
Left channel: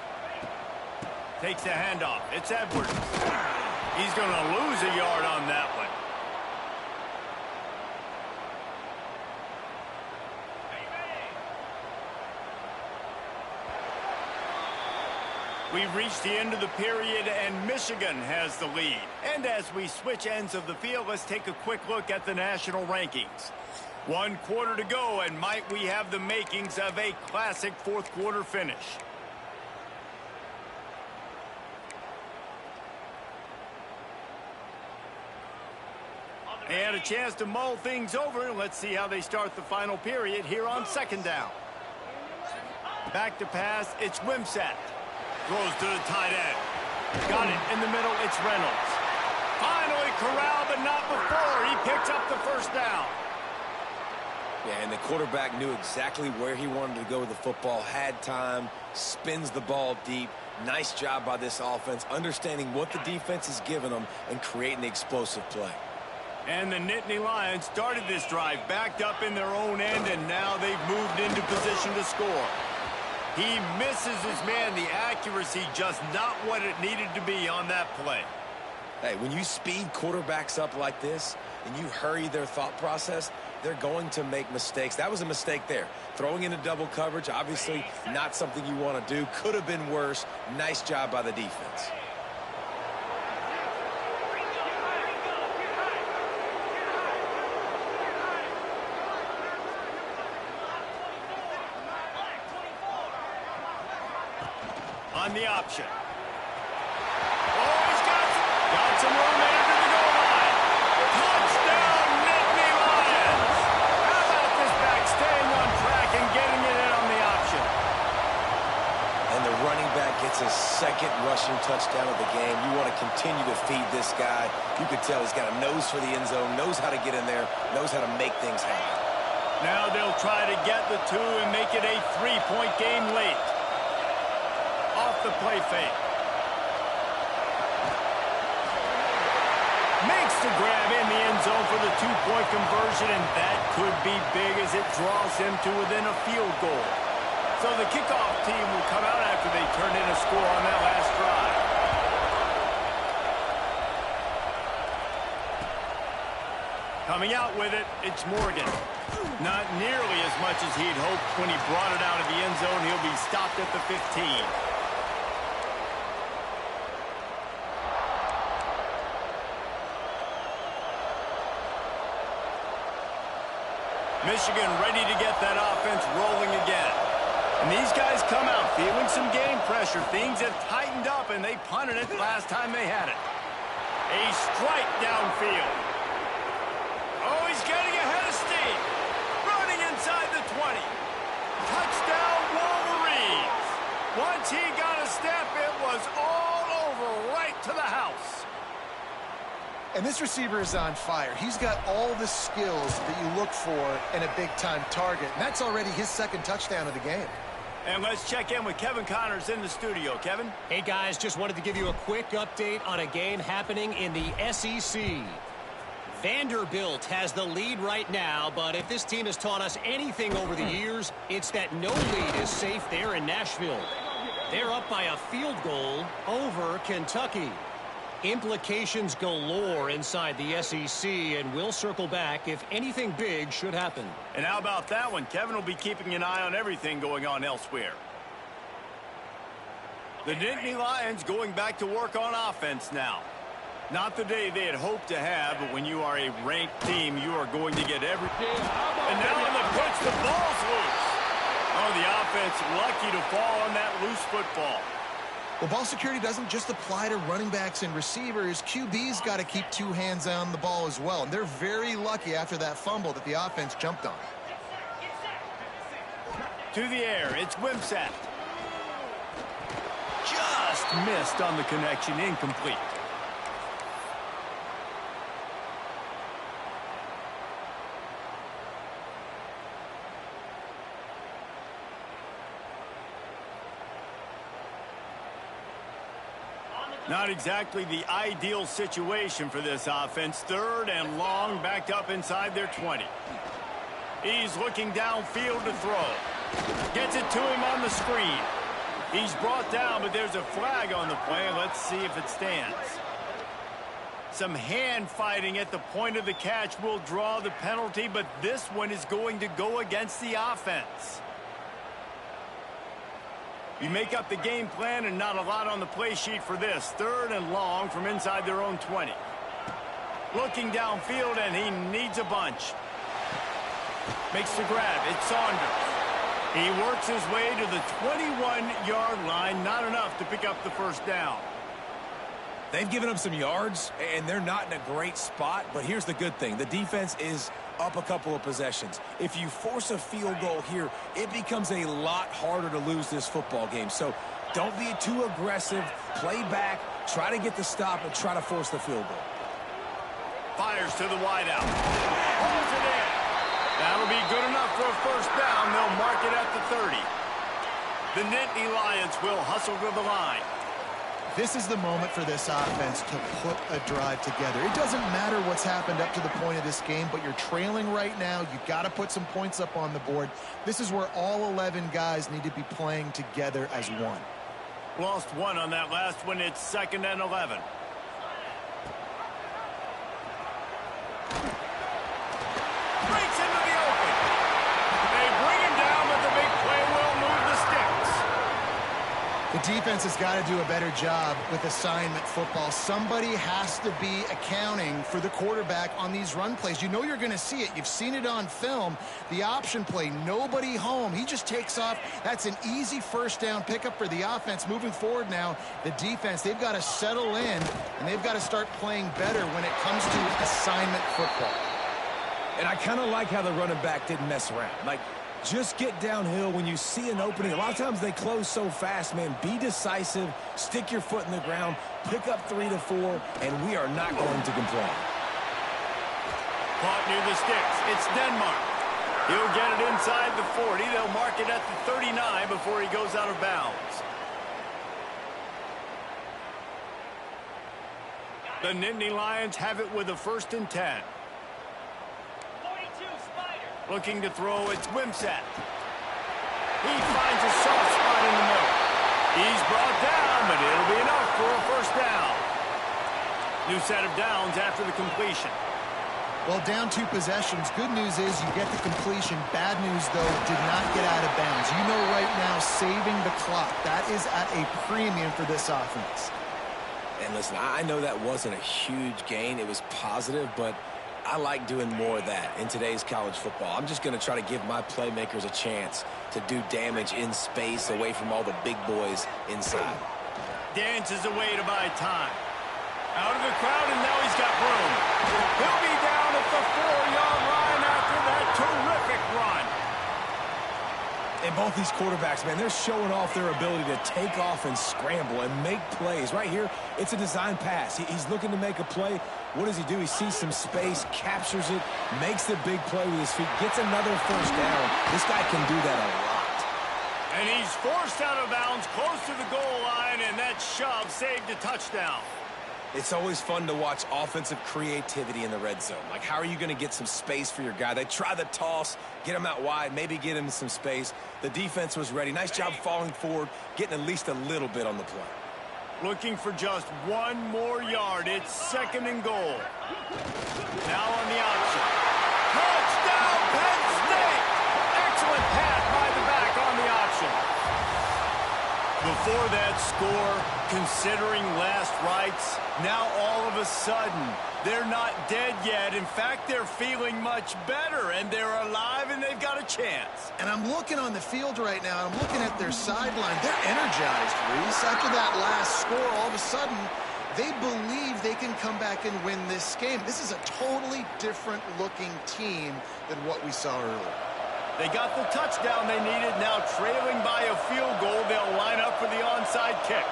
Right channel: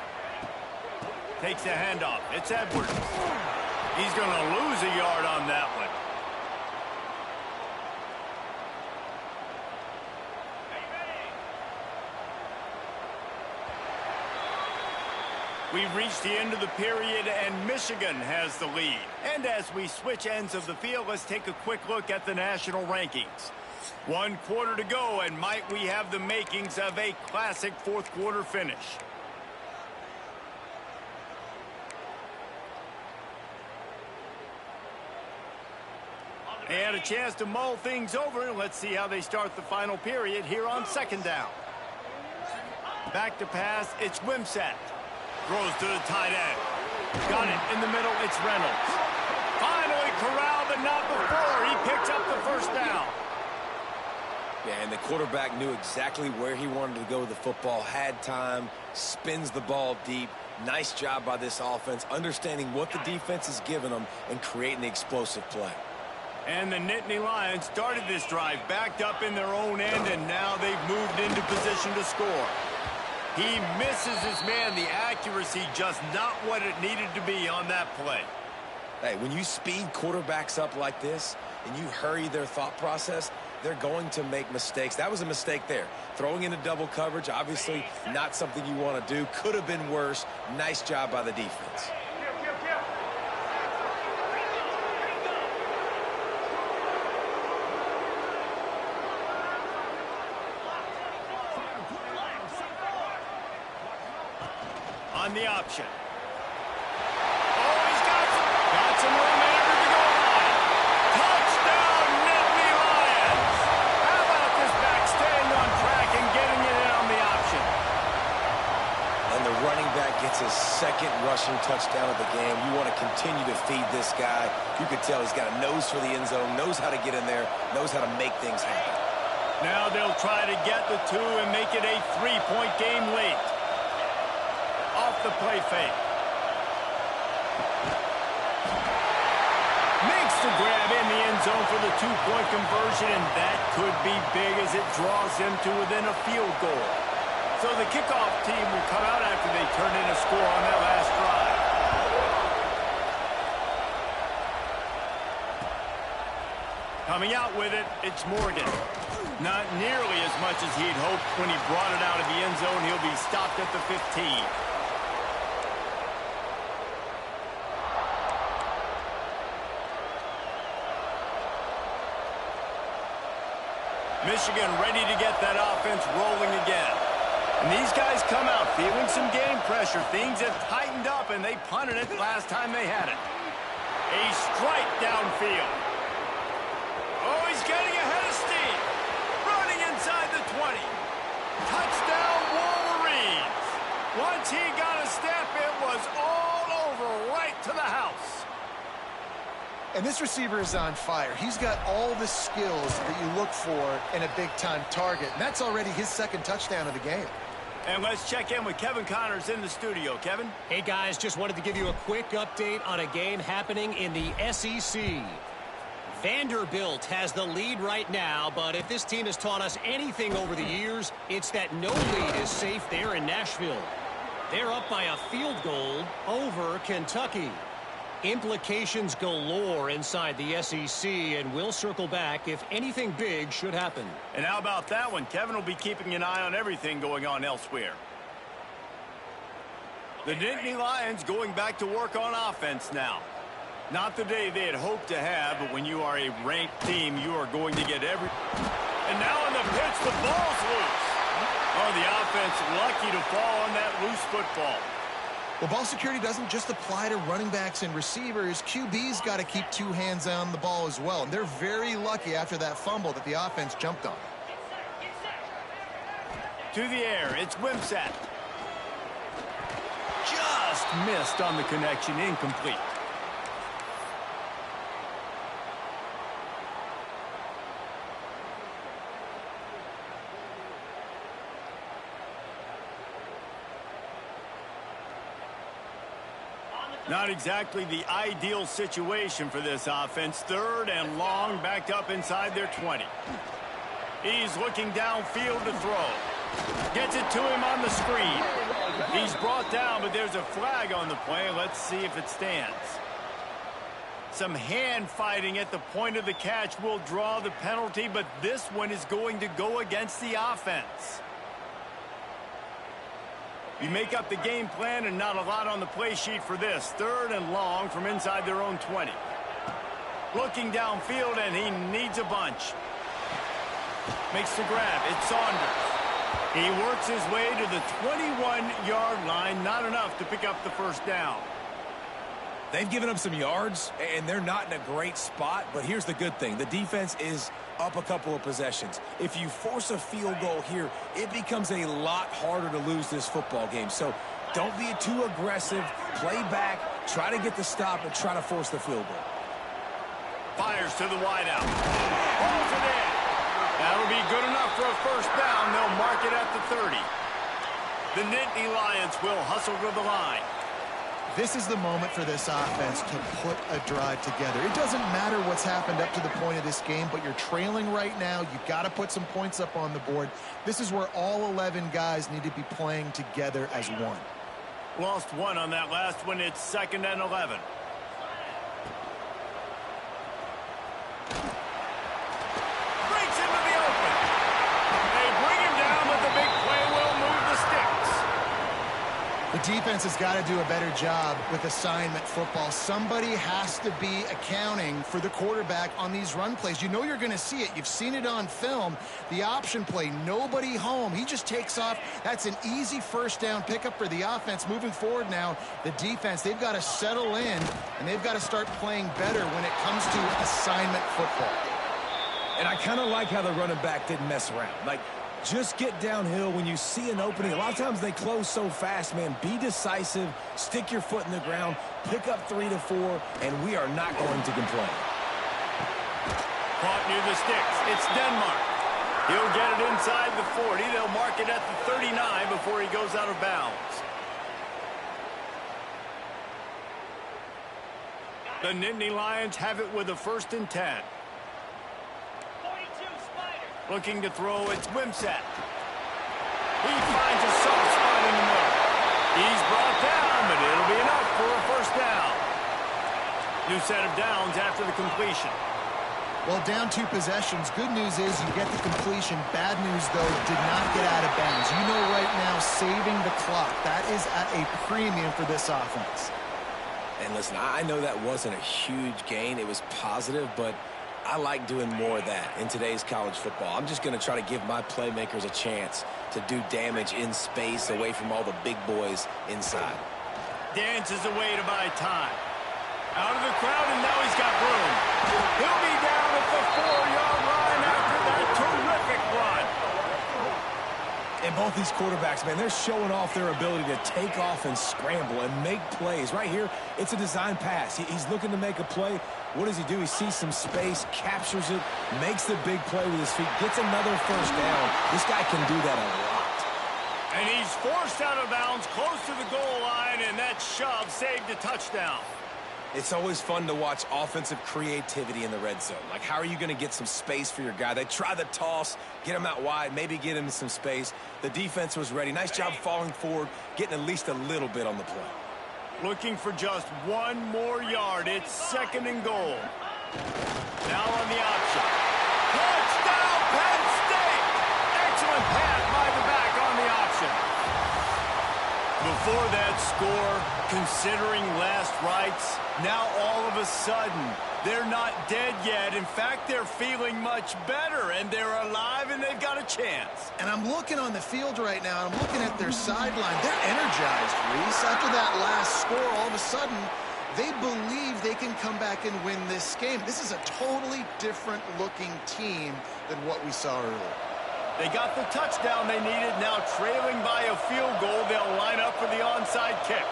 Takes the handoff. It's Edwards. He's going to lose a yard on that one. We've reached the end of the period, and Michigan has the lead. And as we switch ends of the field, let's take a quick look at the national rankings. 1 quarter to go, and might we have the makings of a classic fourth quarter finish. They had a chance to mull things over, and let's see how they start the final period here on 2nd down. Back to pass, it's Wimsatt. Throws to the tight end. Got it in the middle, it's Reynolds. Finally corralled, but not before. He picks up the first down. Yeah, and the quarterback knew exactly where he wanted to go with the football, had time, spins the ball deep, Nice job by this offense, understanding what the defense is giving them and creating the explosive play. And the Nittany Lions started this drive backed up in their own end, and now they've moved into position to score. He misses his man. The accuracy just not what it needed to be on that play. Hey, when you speed quarterbacks up like this and you hurry their thought process, they're going to make mistakes. That was a mistake there. Throwing into double coverage, obviously not something you want to do. Could have been worse. Nice job by the defense. On the option. Oh, he's got some room in under the goal line. Touchdown, Nittany Lions. How about this back staying on track and getting it in on the option? And the running back gets his second rushing touchdown of the game. You want to continue to feed this guy. You could tell he's got a nose for the end zone, knows how to get in there, knows how to make things happen. Now they'll try to get the two and make it a 3-point game late. Off the play fake. Makes the grab in the end zone for the 2-point conversion, and that could be big as it draws them to within a field goal. So the kickoff team will come out after they turn in a score on that last drive. Coming out with it, it's Morgan. Not nearly as much as he'd hoped when he brought it out of the end zone. He'll be stopped at the 15. Michigan ready to get that offense rolling again. And these guys come out feeling some game pressure. Things have tightened up, and they punted it last time they had it. A strike downfield. Oh, he's getting ahead of steam. Running inside the 20. Touchdown, Wolverines. Once he got a step, it was all over right to the house. And this receiver is on fire. He's got all the skills that you look for in a big-time target. And that's already his second touchdown of the game. And let's check in with Kevin Connors in the studio. Kevin? Hey, guys, just wanted to give you a quick update on a game happening in the SEC. Vanderbilt has the lead right now, but if this team has taught us anything over the years, it's that no lead is safe there in Nashville. They're up by a field goal over Kentucky. Implications galore inside the SEC, and we'll circle back if anything big should happen. And how about that one? Kevin will be keeping an eye on everything going on elsewhere. The Nittany Lions going back to work on offense now. Not the day they had hoped to have, but when you are a ranked team, you are going to get every... And now on the pitch, the ball's loose. Oh, the offense lucky to fall on that loose football. Well, ball security doesn't just apply to running backs and receivers. QB's got to keep two hands on the ball as well. And they're very lucky after that fumble that the offense jumped on. To the air, it's Wimsatt. Just missed on the connection, incomplete. Not exactly the ideal situation for this offense. 3rd and long, backed up inside their 20. He's looking downfield to throw. Gets it to him on the screen. He's brought down, but there's a flag on the play. Let's see if it stands. Some hand fighting at the point of the catch will draw the penalty, but this one is going to go against the offense. You make up the game plan and not a lot on the play sheet for this. 3rd and long from inside their own 20. Looking downfield, and he needs a bunch. Makes the grab. It's Saunders. He works his way to the 21-yard line. Not enough to pick up the first down. They've given up some yards, and they're not in a great spot. But here's the good thing. The defense is up a couple of possessions. If you force a field goal here, it becomes a lot harder to lose this football game. So don't be too aggressive. Play back, try to get the stop, and try to force the field goal. Fires to the wideout. Holds it in. That'll be good enough for a first down. They'll mark it at the 30. The Nittany Lions will hustle to the line. This is the moment for this offense to put a drive together. It doesn't matter what's happened up to the point of this game, but you're trailing right now. You've got to put some points up on the board. This is where all 11 guys need to be playing together as one. Lost one on that last one. It's 2nd and 11. Breaks into the open. They bring him down, but the big play will move the sticks. The defense has got to do a better job with assignment football. Somebody has to be accounting for the quarterback on these run plays. You know you're going to see it. You've seen it on film. The option play, nobody home. He just takes off. That's an easy first down pickup for the offense. Moving forward now, the defense, they've got to settle in, and they've got to start playing better when it comes to assignment football. And I kind of like how the running back didn't mess around. Like, just get downhill when you see an opening. A lot of times they close so fast, man. Be decisive, stick your foot in the ground, pick up 3 to 4, and we are not going to complain. Caught near the sticks. It's Denmark. He'll get it inside the 40. They'll mark it at the 39 before he goes out of bounds. The Nittany Lions have it with a 1st and 10. Looking to throw, it's Wimsatt. He finds a soft spot in the middle. He's brought down, but it'll be enough for a 1st down. New set of downs after the completion. Well, down 2 possessions. Good news is you get the completion. Bad news, though, did not get out of bounds. You know right now, saving the clock. That is at a premium for this offense. And listen, I know that wasn't a huge gain. It was positive, but I like doing more of that in today's college football. I'm just going to try to give my playmakers a chance to do damage in space away from all the big boys inside. Dances away to buy time. Out of the crowd, and now he's got room. He'll be down at the 4-yard line after that terrific run. And both these quarterbacks, man, they're showing off their ability to take off and scramble and make plays. Right here, it's a design pass. He's looking to make a play. What does he do? He sees some space, captures it, makes the big play with his feet, gets another 1st down. This guy can do that a lot. And he's forced out of bounds close to the goal line, and that shove saved a touchdown. It's always fun to watch offensive creativity in the red zone. Like, how are you going to get some space for your guy? They try the toss, get him out wide, maybe get him some space. The defense was ready. Nice job falling forward, getting at least a little bit on the play. Looking for just 1 more yard. It's 2nd and goal. Now on the option. Touchdown, Penn State! Excellent pass by the back on the option. Before that score, considering last rites, now all of a sudden, they're not dead yet. In fact, they're feeling much better, and they're alive, and they've got a chance. And I'm looking on the field right now, and I'm looking at their sideline. They're energized, Reese. After that last score, all of a sudden, they believe they can come back and win this game. This is a totally different-looking team than what we saw earlier. They got the touchdown they needed. Now trailing by a field goal, they'll line up for the onside kick.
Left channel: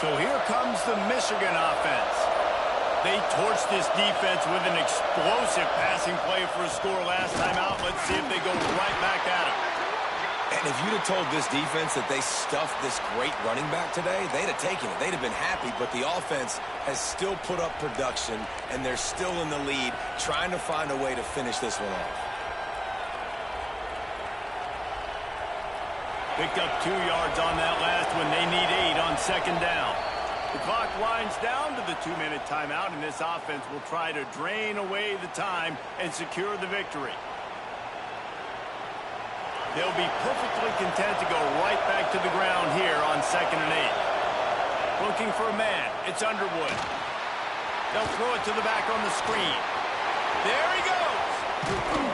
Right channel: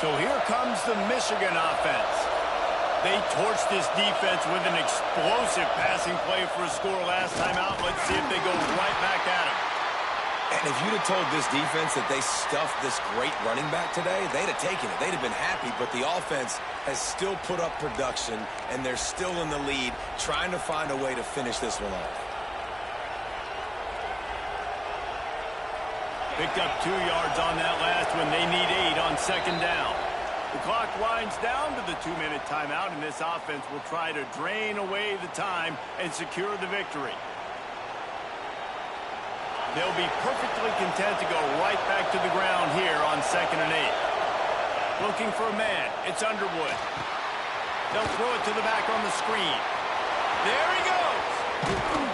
So here comes the Michigan offense. They torched this defense with an explosive passing play for a score last time out. Let's see if they go right back at him. And if you'd have told this defense that they stuffed this great running back today, they'd have taken it. They'd have been happy, but the offense has still put up production, and they're still in the lead, trying to find a way to finish this one off. Picked up 2 yards on that last one. They need 8 on 2nd down. The clock winds down to the 2-minute timeout, and this offense will try to drain away the time and secure the victory. They'll be perfectly content to go right back to the ground here on 2nd and 8. Looking for a man. It's Underwood. They'll throw it to the back on the screen. There he goes.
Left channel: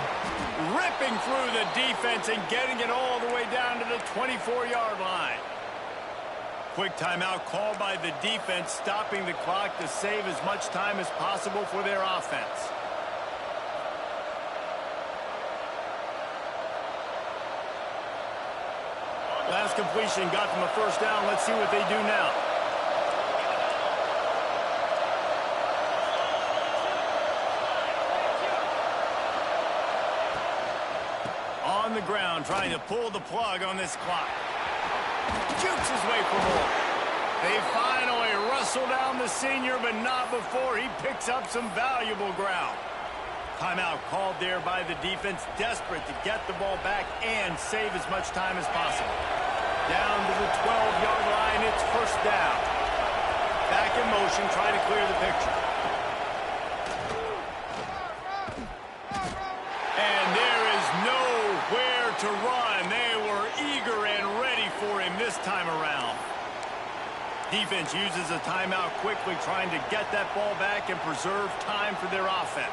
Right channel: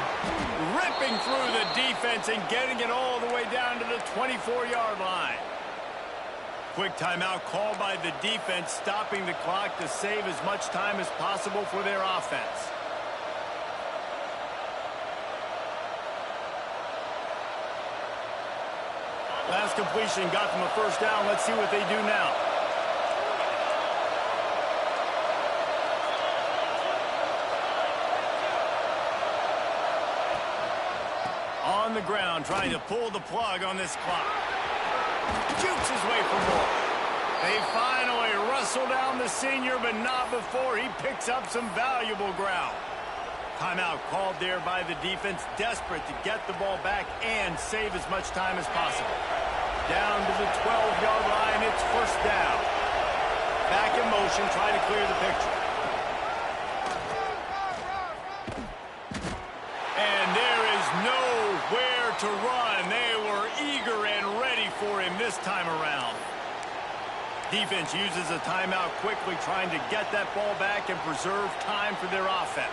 ripping through the defense and getting it all the way down to the 24-yard line. Quick timeout called by the defense, stopping the clock to save as much time as possible for their offense. Last completion got them a first down. Let's see what they do now. On the ground, trying to pull the plug on this clock. Jukes his way for more. They finally wrestle down the senior, but not before he picks up some valuable ground. Timeout called there by the defense, desperate to get the ball back and save as much time as possible. Down to the 12-yard line, it's first down. Back in motion, trying to clear the picture. And there is nowhere to run. They were eager and ready for him this time around. Defense uses a timeout quickly, trying to get that ball back and preserve time for their offense.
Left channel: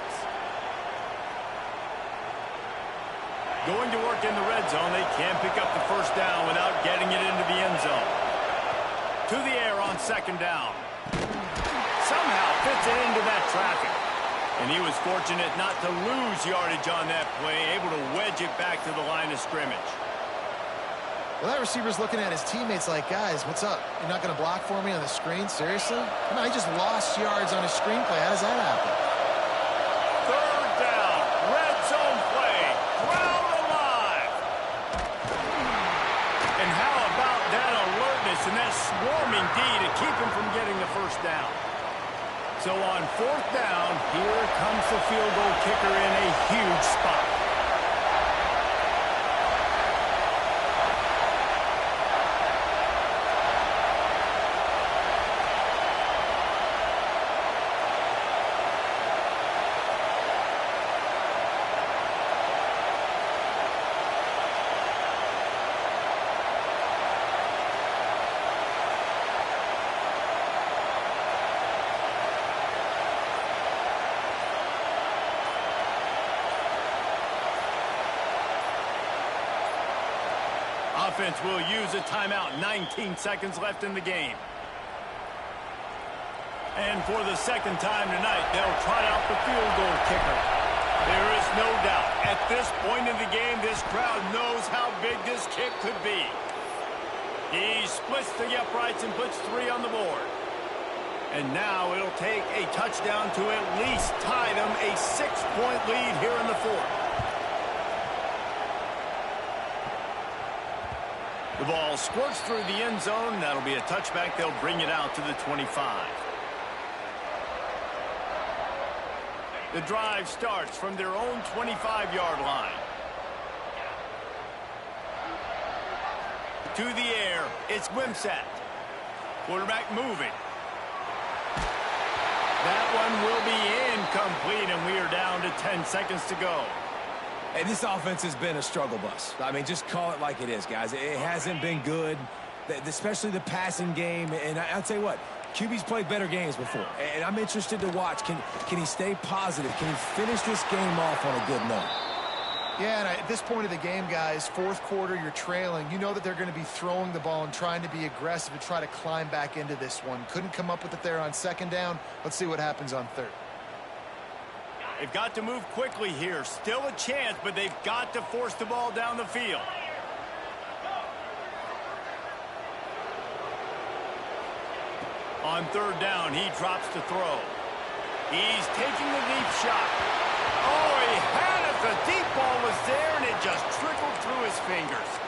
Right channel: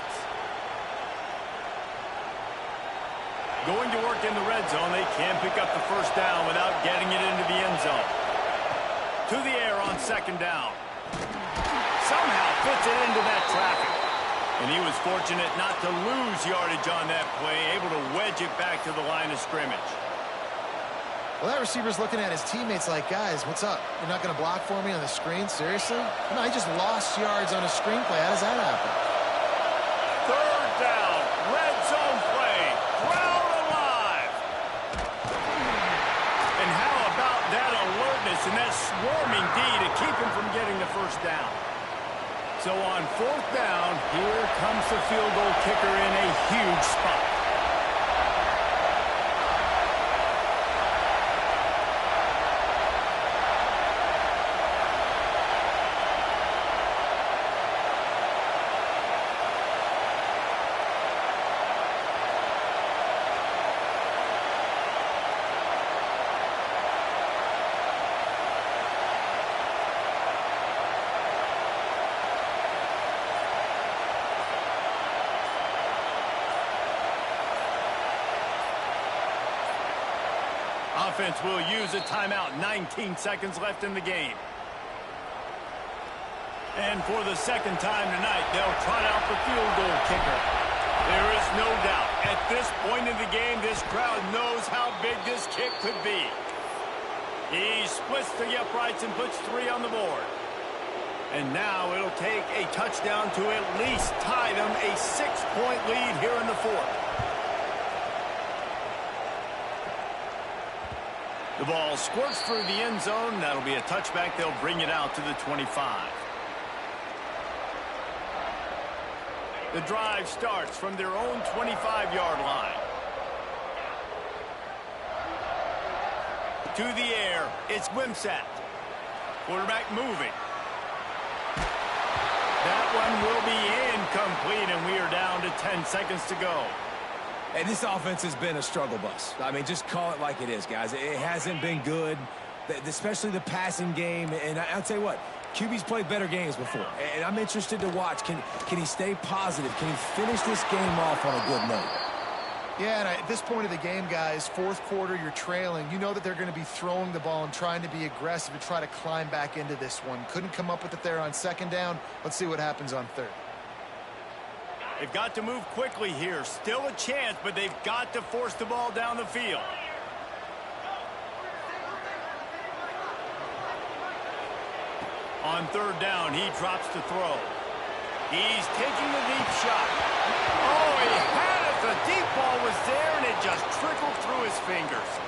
Going to work in the red zone, they can pick up the first down without getting it into the end zone. To the air on second down. Somehow fits it into that traffic. And he was fortunate not to lose yardage on that play, able to wedge it back to the line of scrimmage. Well, that receiver's looking at his teammates like, guys, what's up? You're not going to block for me on the screen? Seriously? I mean, I just lost yards on a screenplay. How does that happen? Third down, red zone play, crowd alive. And how about that alertness and that swarming D to keep him from getting the first down? So on fourth down, here comes the field goal kicker in a huge spot. Offense will use a timeout. 19 seconds left in the game. And for the second time tonight, they'll trot out the field goal kicker. There is no doubt, at this point in the game, this crowd knows how big this kick could be. He splits the uprights and puts 3 on the board. And now it'll take a touchdown to at least tie them a 6-point lead here in the fourth. The ball squirts through the end zone. That'll be a touchback. They'll bring it out to the 25. The drive starts from their own 25-yard line. To the air, it's Wimsatt. Quarterback moving. That one will be incomplete, and we are down to 10 seconds to go. Hey, this offense has been a struggle bus. I mean, just call it like it is, guys. It hasn't been good, especially the passing game. And I'll tell you what, QB's played better games before. And I'm interested to watch. Can he stay positive? Can he finish this game off on a good note? Yeah, and at this point of the game, guys, fourth quarter, you're trailing. You know that they're going to be throwing the ball and trying to be aggressive and try to climb back into this one. Couldn't come up with it there on second down. Let's see what happens on third. They've got to move quickly here. Still a chance, but they've got to force the ball down the field. On third down, he drops to throw. He's taking the deep shot. Oh, he had it. The deep ball was there, and it just trickled through his fingers.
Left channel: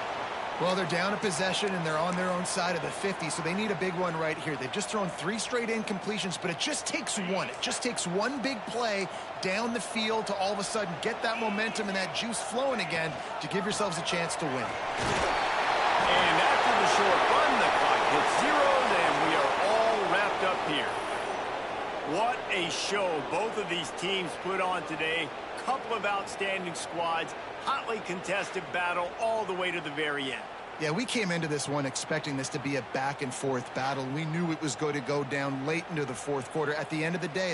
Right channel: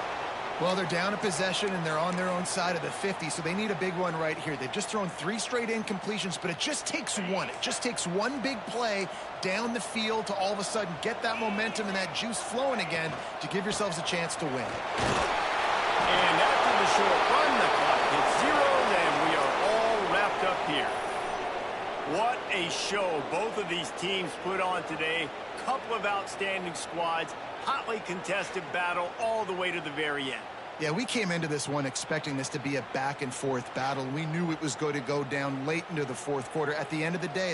Well, they're down a possession, and they're on their own side of the 50, so they need a big one right here. They've just thrown 3 straight incompletions, but it just takes one. It just takes one big play down the field to all of a sudden get that momentum and that juice flowing again to give yourselves a chance to win. And after the short run, the clock hits 0, and we are all wrapped up here. What a show both of these teams put on today. Couple of outstanding squads. Hotly contested battle all the way to the very end. Yeah, we came into this one expecting this to be a back-and-forth battle. We knew it was going to go down late into the fourth quarter. At the end of the day,